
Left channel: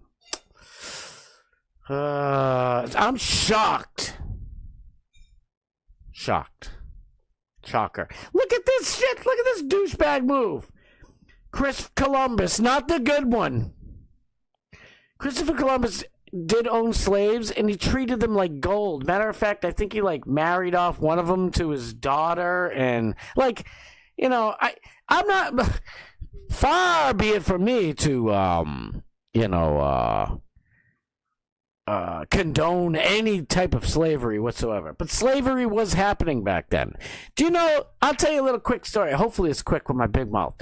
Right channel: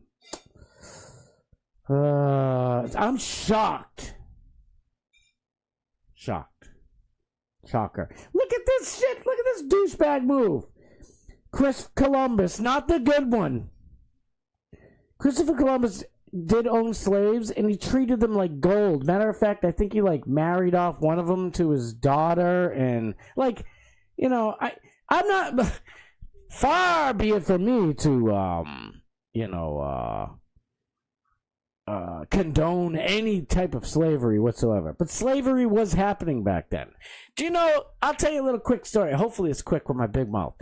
I'm shocked. Shocked. Shocker. Look at this shit. Look at this douchebag move. Chris Columbus, not the good one. Christopher Columbus did own slaves, and he treated them like gold. Matter of fact, I think he, like, married off one of them to his daughter, and, like, you know, I'm not... Far be it from me to, condone any type of slavery whatsoever. But slavery was happening back then. Do you know, I'll tell you a little quick story. Hopefully it's quick with my big mouth.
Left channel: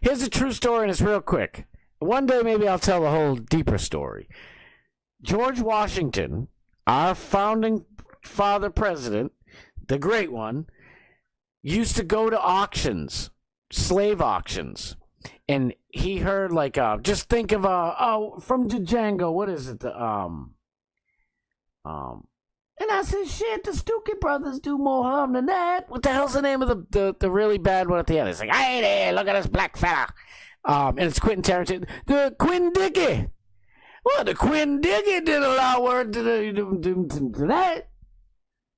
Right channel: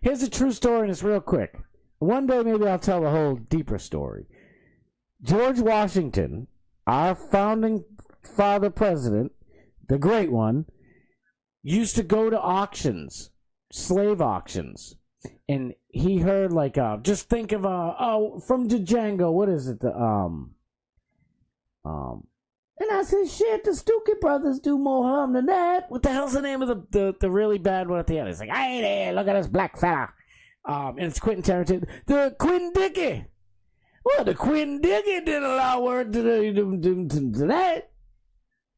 Here's a true story, and it's real quick. One day maybe I'll tell the whole deeper story. George Washington, our founding father president, the great one, used to go to auctions, slave auctions. And he heard, like, just think of, from Django, what is it? And I said, shit, the Stookie Brothers do more harm than that. What the hell's the name of the really bad one at the end? It's like, hey there, look at this black fella. And it's Quentin Tarantino. The Quinn Dickey. Well, the Quinn Dickey did a lot of work to that.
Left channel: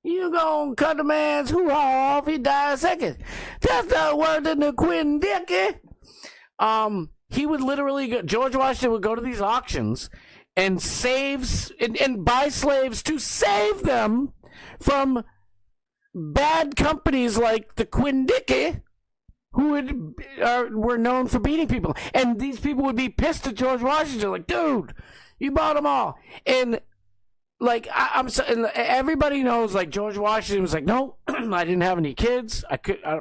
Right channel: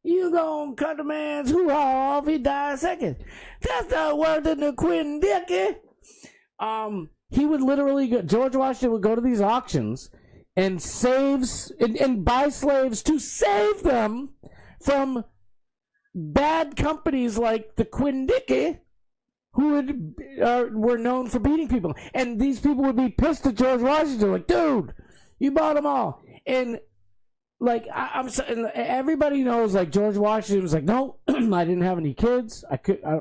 You gonna cut a man's hoo-ha off, he died second. That's not worse than the Quinn Dickey. He would literally go, George Washington would go to these auctions and and buy slaves to save them from bad companies like the Quinn Dickey, who were known for beating people. And these people would be pissed at George Washington, like, dude, you bought them all. And like, and everybody knows, like, George Washington was like, no, I didn't have any kids.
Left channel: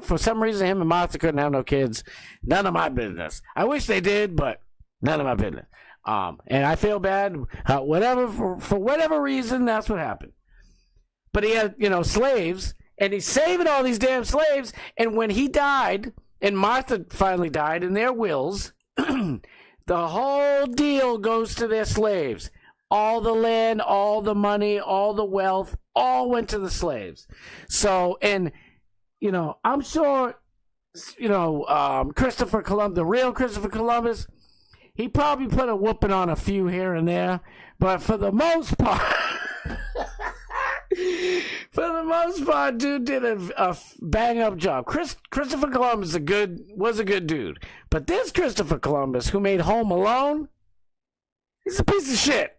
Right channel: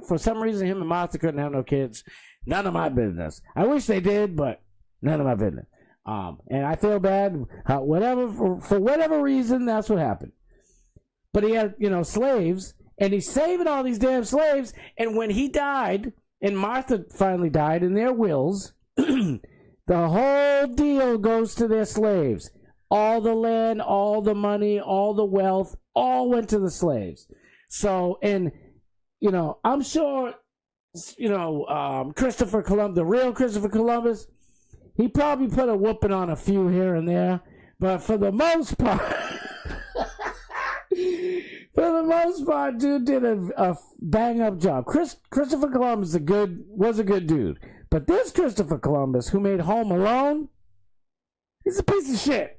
For some reason, him and Martha couldn't have no kids. None of my business. I wish they did, but none of my business. And I feel bad. For whatever reason, that's what happened. But he had, slaves, and he's saving all these damn slaves. And when he died, and Martha finally died, in their wills, the whole deal goes to their slaves. All the land, all the money, all the wealth, all went to the slaves. So, and, I'm sure, Christopher Columbus, the real Christopher Columbus, he probably put a whooping on a few here and there, but for the most part, dude did a bang-up job. Christopher Columbus was a good dude, but this Christopher Columbus, who made Home Alone, he's a piece of shit.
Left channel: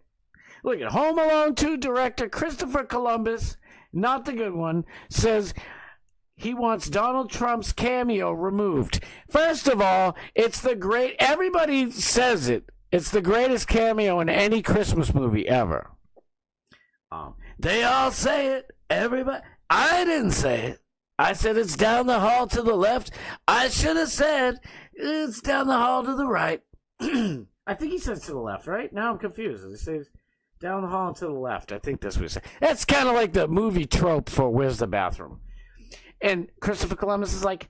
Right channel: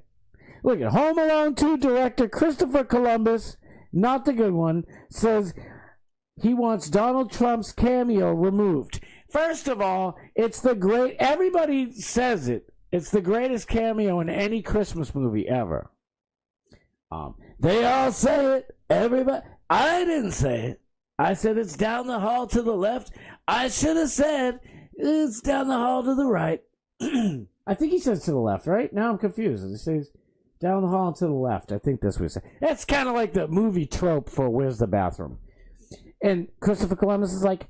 Look at Home Alone 2 director Christopher Columbus, not the good one, says he wants Donald Trump's cameo removed. First of all, everybody says it. It's the greatest cameo in any Christmas movie ever. They all say it. Everybody. I didn't say it. I said it's down the hall to the left. I should have said it's down the hall to the right. I think he says to the left, right? Now I'm confused. He says down the hall to the left. I think that's what he said. That's kind of like the movie trope for Where's the Bathroom? And Christopher Columbus is like,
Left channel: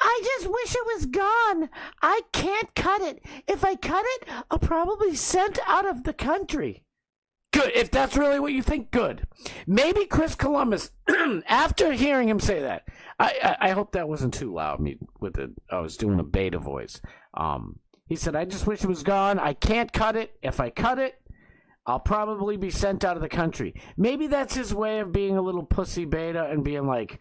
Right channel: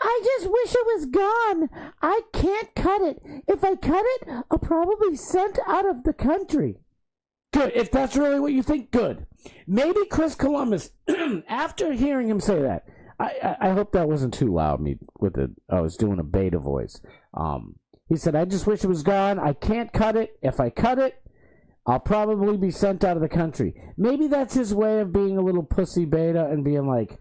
I just wish it was gone. I can't cut it. If I cut it, I'll probably sent out of the country. Good. If that's really what you think, good. Maybe Chris Columbus, after hearing him say that, I hope that wasn't too loud. I was doing a beta voice. He said, I just wish it was gone. I can't cut it. If I cut it, I'll probably be sent out of the country. Maybe that's his way of being a little pussy beta and being like,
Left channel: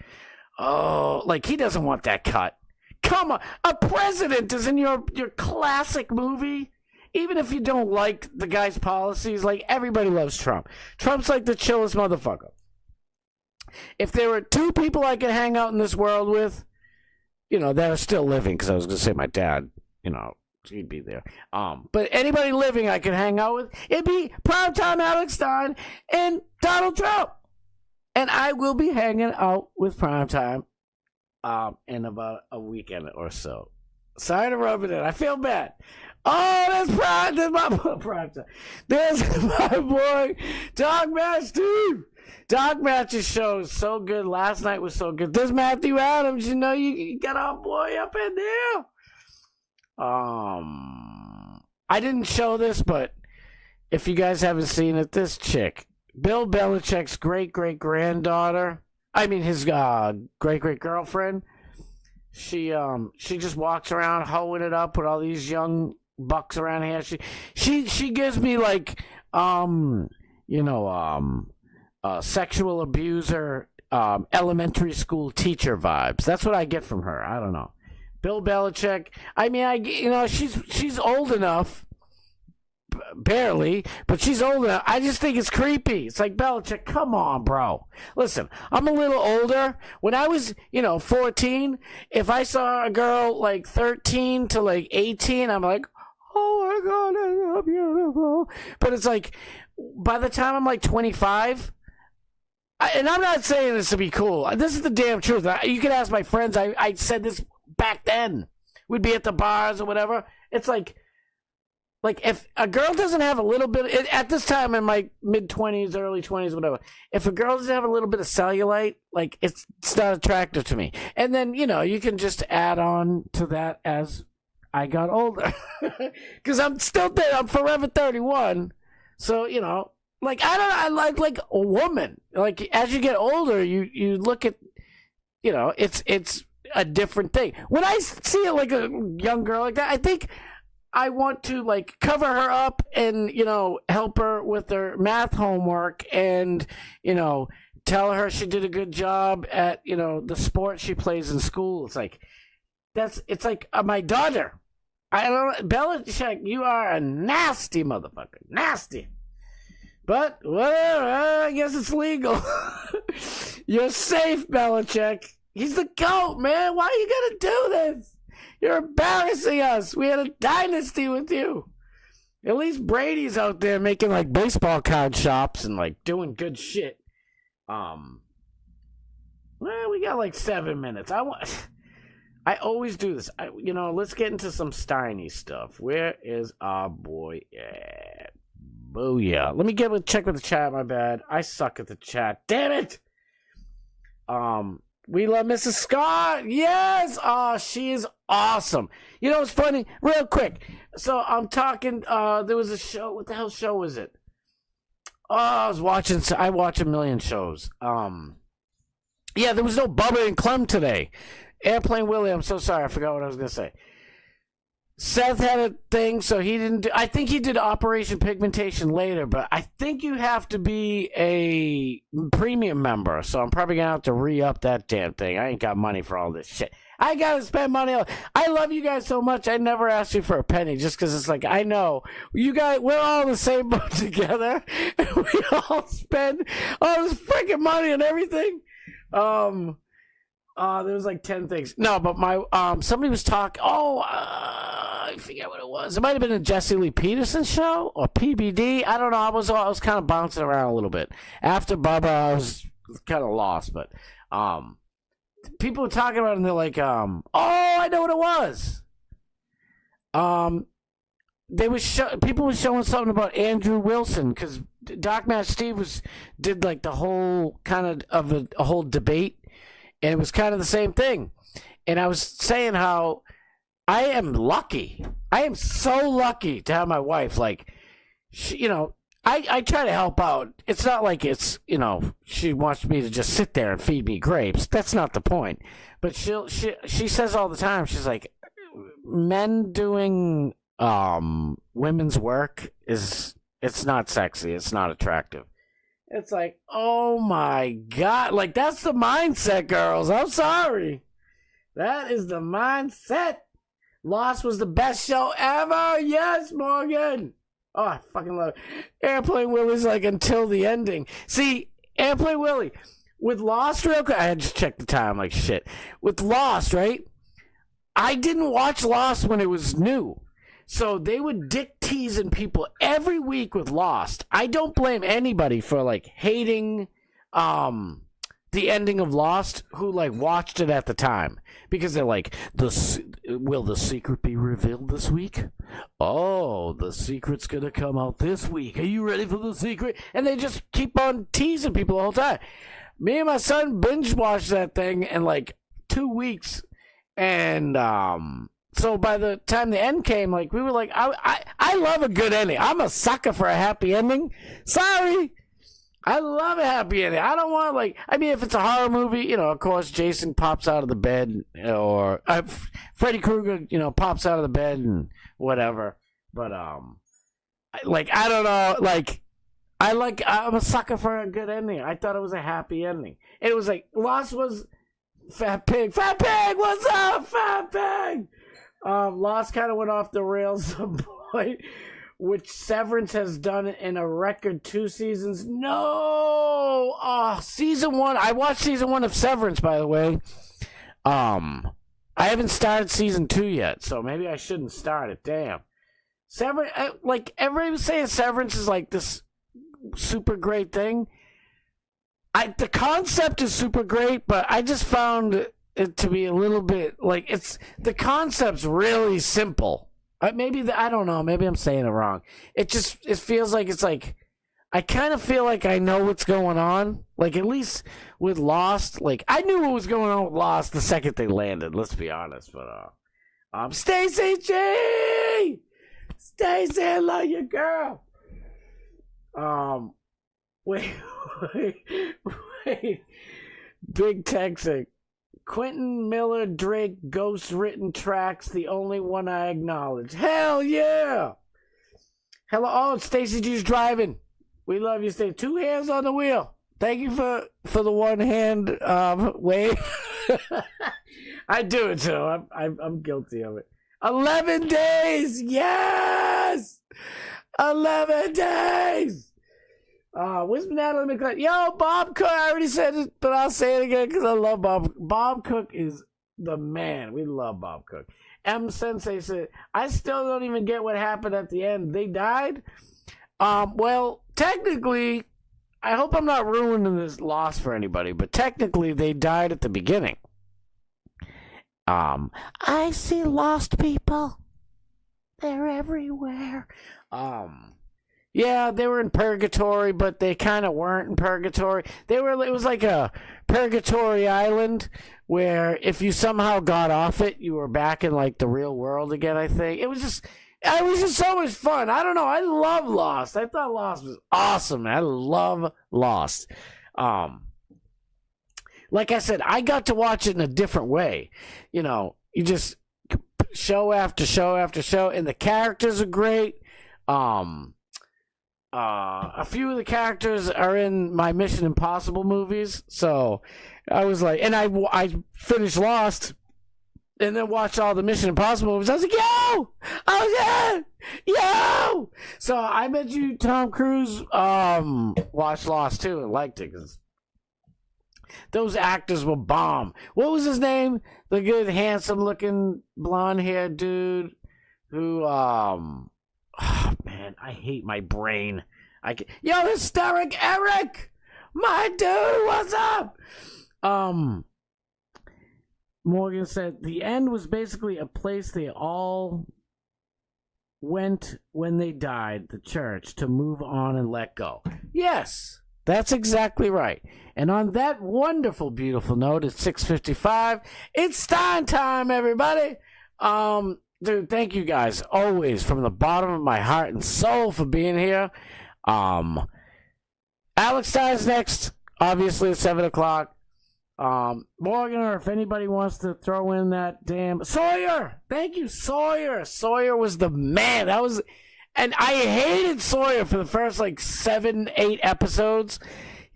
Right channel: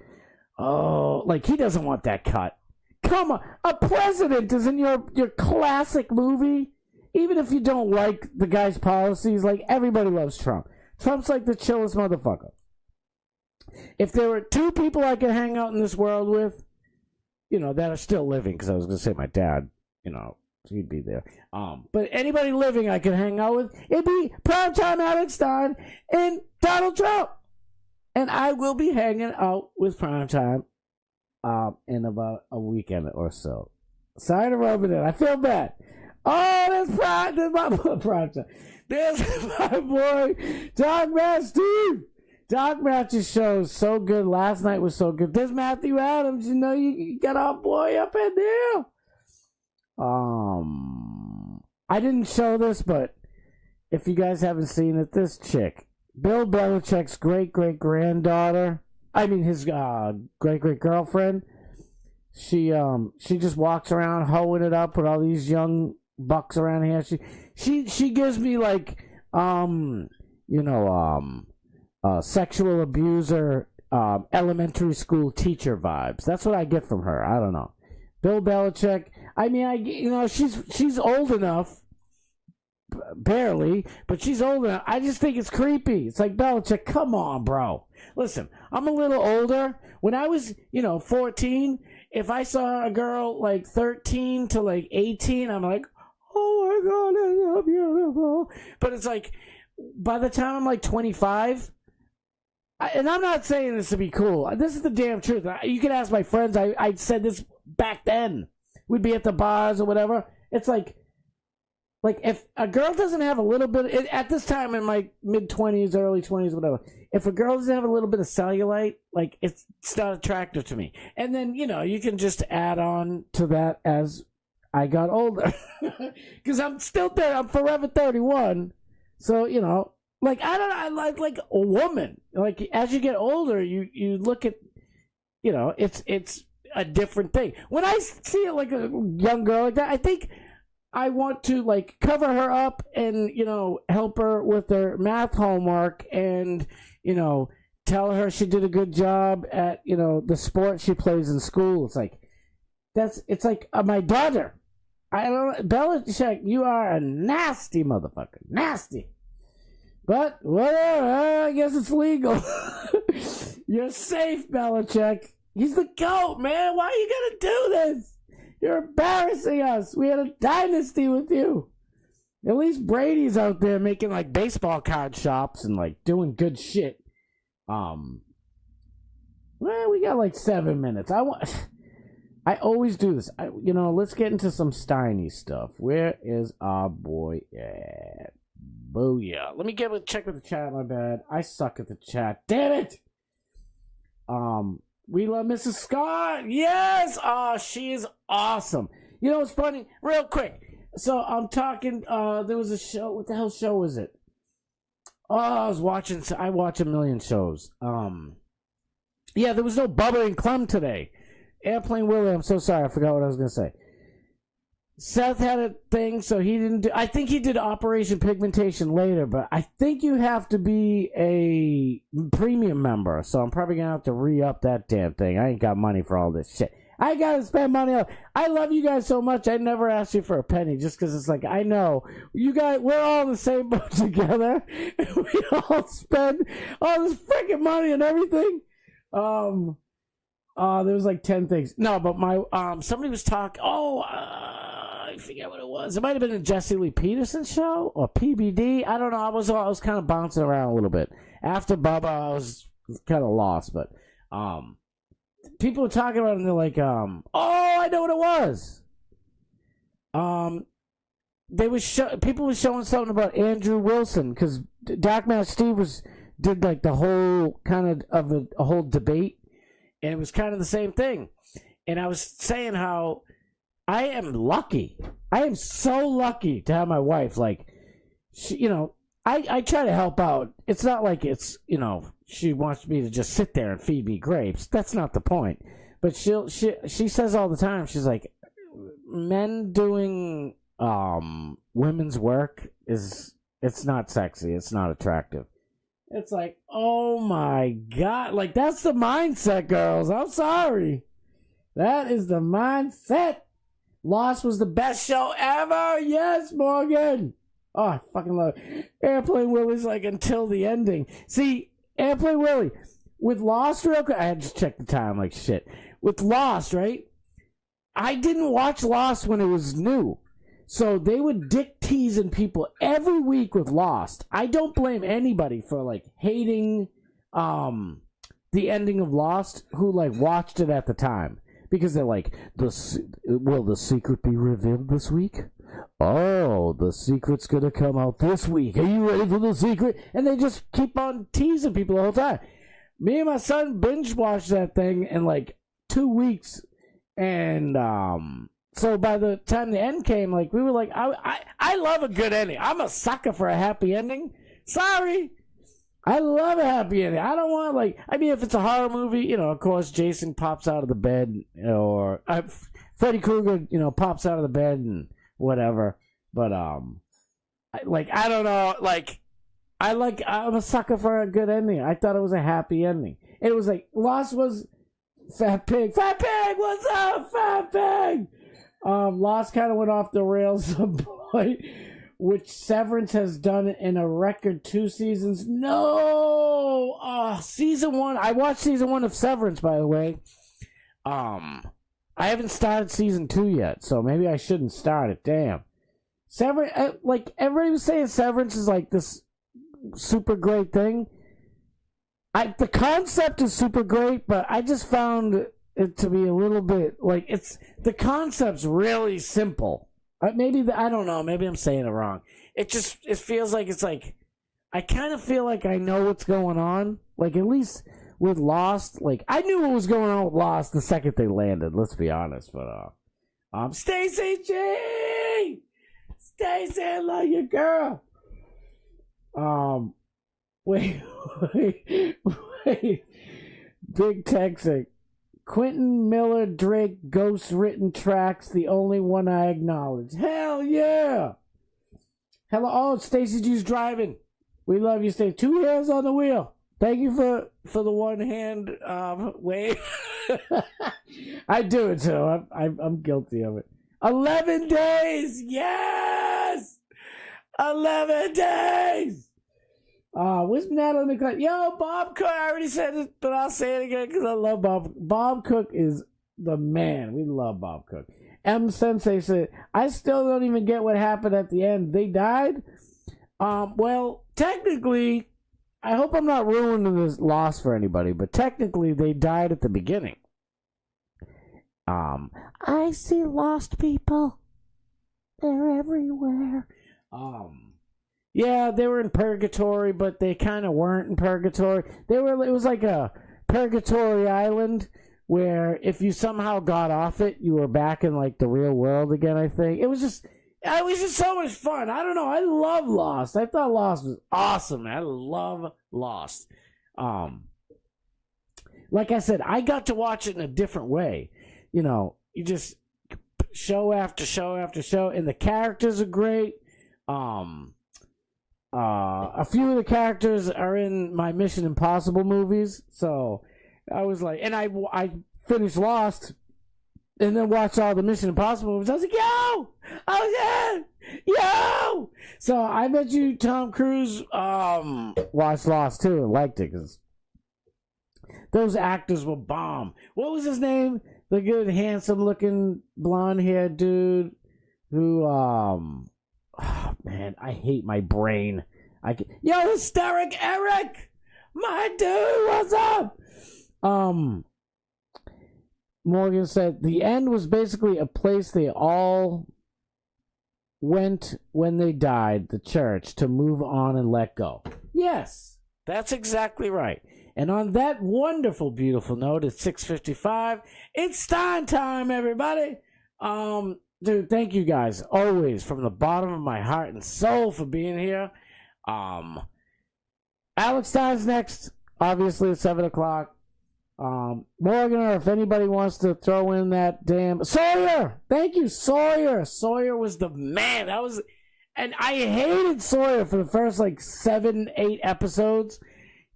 oh, like he doesn't want that cut. Come on. A president is in your classic movie. Even if you don't like the guy's policies, like everybody loves Trump. Trump's like the chillest motherfucker. If there were two people I could hang out in this world with, that are still living, because I was going to say my dad, She'd be there. But anybody living I could hang out with, it'd be primetime Alex Stein and Donald Trump. And I will be hanging out with primetime in about a weekend or so. Sorry to rub it in. I feel bad. Oh, there's my primetime. There's my boy, Dog Match Steve. Dog Match's show is so good. Last night was so good. There's Matthew Adams. You know, you got our boy up in there. I didn't show this, but if you guys haven't seen it, this chick, Bill Belichick's great-great-granddaughter, I mean his great-great-girlfriend, she just walks around hoeing it up with all these young bucks around here. She gives me like sexual abuser elementary school teacher vibes. That's what I get from her. I don't know. Bill Belichick. I mean, she's old enough, barely, but she's old enough. I just think it's creepy. It's like, Belichick, come on, bro. Listen, I'm a little older. When I was, 14, if I saw a girl like 13 to like 18, I'm like, oh my God, that's so beautiful. But it's like, by the time I'm like 25, and I'm not saying this to be cool. This is the damn truth. You can ask my friends. I said this back then. We'd be at the bars or whatever. It's like if a girl doesn't have a little bit, at this time in my mid-20s, early 20s, whatever, if a girl doesn't have a little bit of cellulite, like it's not attractive to me. And then, you can just add on to that as I got older. Because I'm still there. I'm forever 31. So, I like a woman. Like, as you get older, you look at, it's a different thing. When I see it like a young girl like that, I think I want to like cover her up and, help her with her math homework and, tell her she did a good job at, the sport she plays in school. It's like, it's like my daughter. Belichick, you are a nasty motherfucker. Nasty. But, whatever, I guess it's legal. You're safe, Belichick. He's the GOAT, man. Why are you going to do this? You're embarrassing us. We had a dynasty with you. At least Brady's out there making, like, baseball card shops and, like, doing good shit. Well, we got, like, 7 minutes. I always do this. Let's get into some Steiny stuff. Where is our boy at? Booyah. Let me check with the chat, my bad. I suck at the chat. Damn it! We love Mrs. Scott. Yes! She is awesome. It's funny? Real quick. So, I'm talking, there was a show. What the hell show was it? I watch a million shows. Yeah, there was no Bubba and Clem today. Airplane Willie, I'm so sorry. I forgot what I was going to say. Seth had a thing, so he didn't do... I think he did Operation Pigmentation later, but I think you have to be a premium member, so I'm probably going to have to re-up that damn thing. I ain't got money for all this shit. I got to spend money on... I love you guys so much, I never asked you for a penny, just because it's like, I know. You guys, we're all in the same boat together, and we all spend all this freaking money on everything. There was like 10 things. No, but somebody was talking... I forget what it was. It might have been a Jesse Lee Peterson show or PBD. I don't know. I was kind of bouncing around a little bit. After Bubba, I was kind of lost. But people were talking about it, and they're like, I know what it was. People were showing something about Andrew Wilson because Doc Man Steve did like the whole kind of a whole debate, and it was kind of the same thing. And I was saying how I am lucky. I am so lucky to have my wife. Like, she, I try to help out. It's not like it's, she wants me to just sit there and feed me grapes. That's not the point. But she says all the time, she's like, men doing women's work it's not sexy. It's not attractive. It's like, oh my God. Like, that's the mindset, girls. I'm sorry. That is the mindset. Lost was the best show ever. Yes, Morgan. Oh, I fucking love it. Airplane Willie's like until the ending. See, Airplane Willie, with Lost, real quick, I had to check the time like shit. With Lost, right? I didn't watch Lost when it was new. So they would dick teasing people every week with Lost. I don't blame anybody for like hating the ending of Lost who like watched it at the time, because they're like, will the secret be revealed this week? Oh, the secret's gonna come out this week. Are you ready for the secret? And they just keep on teasing people the whole time. Me and my son binge watched that thing in like 2 weeks, and so by the time the end came, like we were like, I love a good ending. I'm a sucker for a happy ending. Sorry, I love a happy ending. I don't want if it's a horror movie, you know, of course Jason pops out of the bed, or Freddy Krueger, you know, pops out of the bed and whatever. But I'm a sucker for a good ending. I thought it was a happy ending. It was like Lost was Fat Pig. Fat Pig, what's up, Fat Pig? Lost kind of went off the rails at some point, which Severance has done in a record 2 seasons. No! Season 1. I watched season 1 of Severance, by the way. I haven't started season 2 yet, so maybe I shouldn't start it. Damn. Severance, like, everybody was saying Severance is like this super great thing. The concept is super great, but I just found it to be a little bit like the concept's really simple. I don't know. Maybe I'm saying it wrong. It feels like it's like I kind of feel like I know what's going on. Like at least with Lost, like I knew what was going on with Lost the second they landed. Let's be honest. But Stacey G, Stacey, I love you, girl. Wait. Big Texas. Quentin Miller Drake ghost written tracks, the only one I acknowledge. Hell yeah! Hello, oh, Stacey G's driving. We love you, Stacey. 2 hands on the wheel. Thank you for the 1 hand wave. I do it too. I'm guilty of it. 11 days, yes! 11 days. Where's Natalie McClain? Yo, Bob Cook. I already said it, but I'll say it again because I love Bob. Bob Cook is the man. We love Bob Cook. M Sensei said, I still don't even get what happened at the end. They died? Well, technically, I hope I'm not ruining this loss for anybody, but technically they died at the beginning. I see lost people. They're everywhere. Yeah, they were in purgatory, but they kind of weren't in purgatory. It was like a purgatory island where if you somehow got off it, you were back in like the real world again, I think. It was just so much fun. I don't know. I love Lost. I thought Lost was awesome. I love Lost. Like I said, I got to watch it in a different way. You know, you just show after show after show, and the characters are great. A few of the characters are in my Mission Impossible movies, so I was like, and I finished Lost, and then watched all the Mission Impossible movies. I was like, yo, oh yeah, yo. So I bet you Tom Cruise watched Lost too and liked it because those actors were bomb. What was his name? The good, handsome-looking, blonde-haired dude who oh, man, I hate my brain. Yo, Hysteric Eric! My dude, what's up? Morgan said, the end was basically a place they all went when they died, the church, to move on and let go. Yes, that's exactly right. And on that wonderful, beautiful note, at 6:55, it's Stein time, everybody. Dude, thank you guys always from the bottom of my heart and soul for being here. Alex Stein's next, obviously at 7 o'clock. Morgan, or if anybody wants to throw in that damn Sawyer. Thank you, Sawyer. Sawyer was the man. And I hated Sawyer for the first like 7-8 episodes.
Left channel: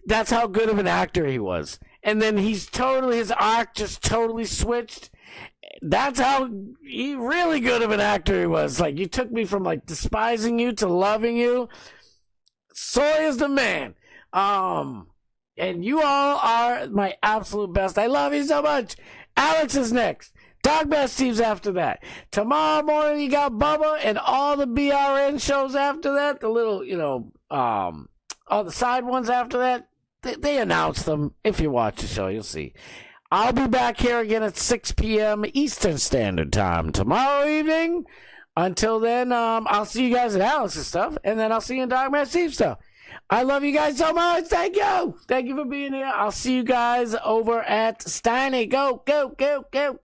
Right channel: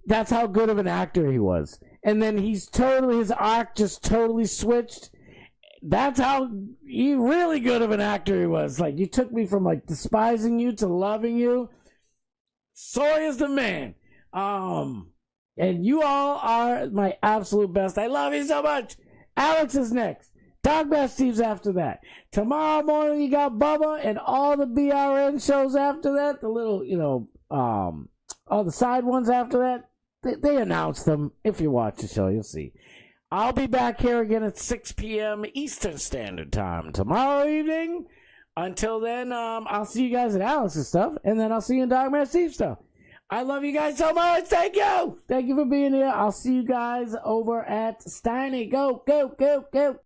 That's how good of an actor he was. And then his arc just totally switched. That's how really good of an actor he was. Like, you took me from like despising you to loving you. Sawyer's the man. And you all are my absolute best. I love you so much. Alex is next. Dogman Steve's after that. Tomorrow morning you got Bubba and all the BRN shows after that. The little, all the side ones after that. They announce them. If you watch the show, you'll see. I'll be back here again at 6 p.m. Eastern Standard Time tomorrow evening. Until then, I'll see you guys at Alex's stuff, and then I'll see you in Dogman Steve's stuff. I love you guys so much. Thank you. Thank you for being here. I'll see you guys over at Stein. Go, go, go, go.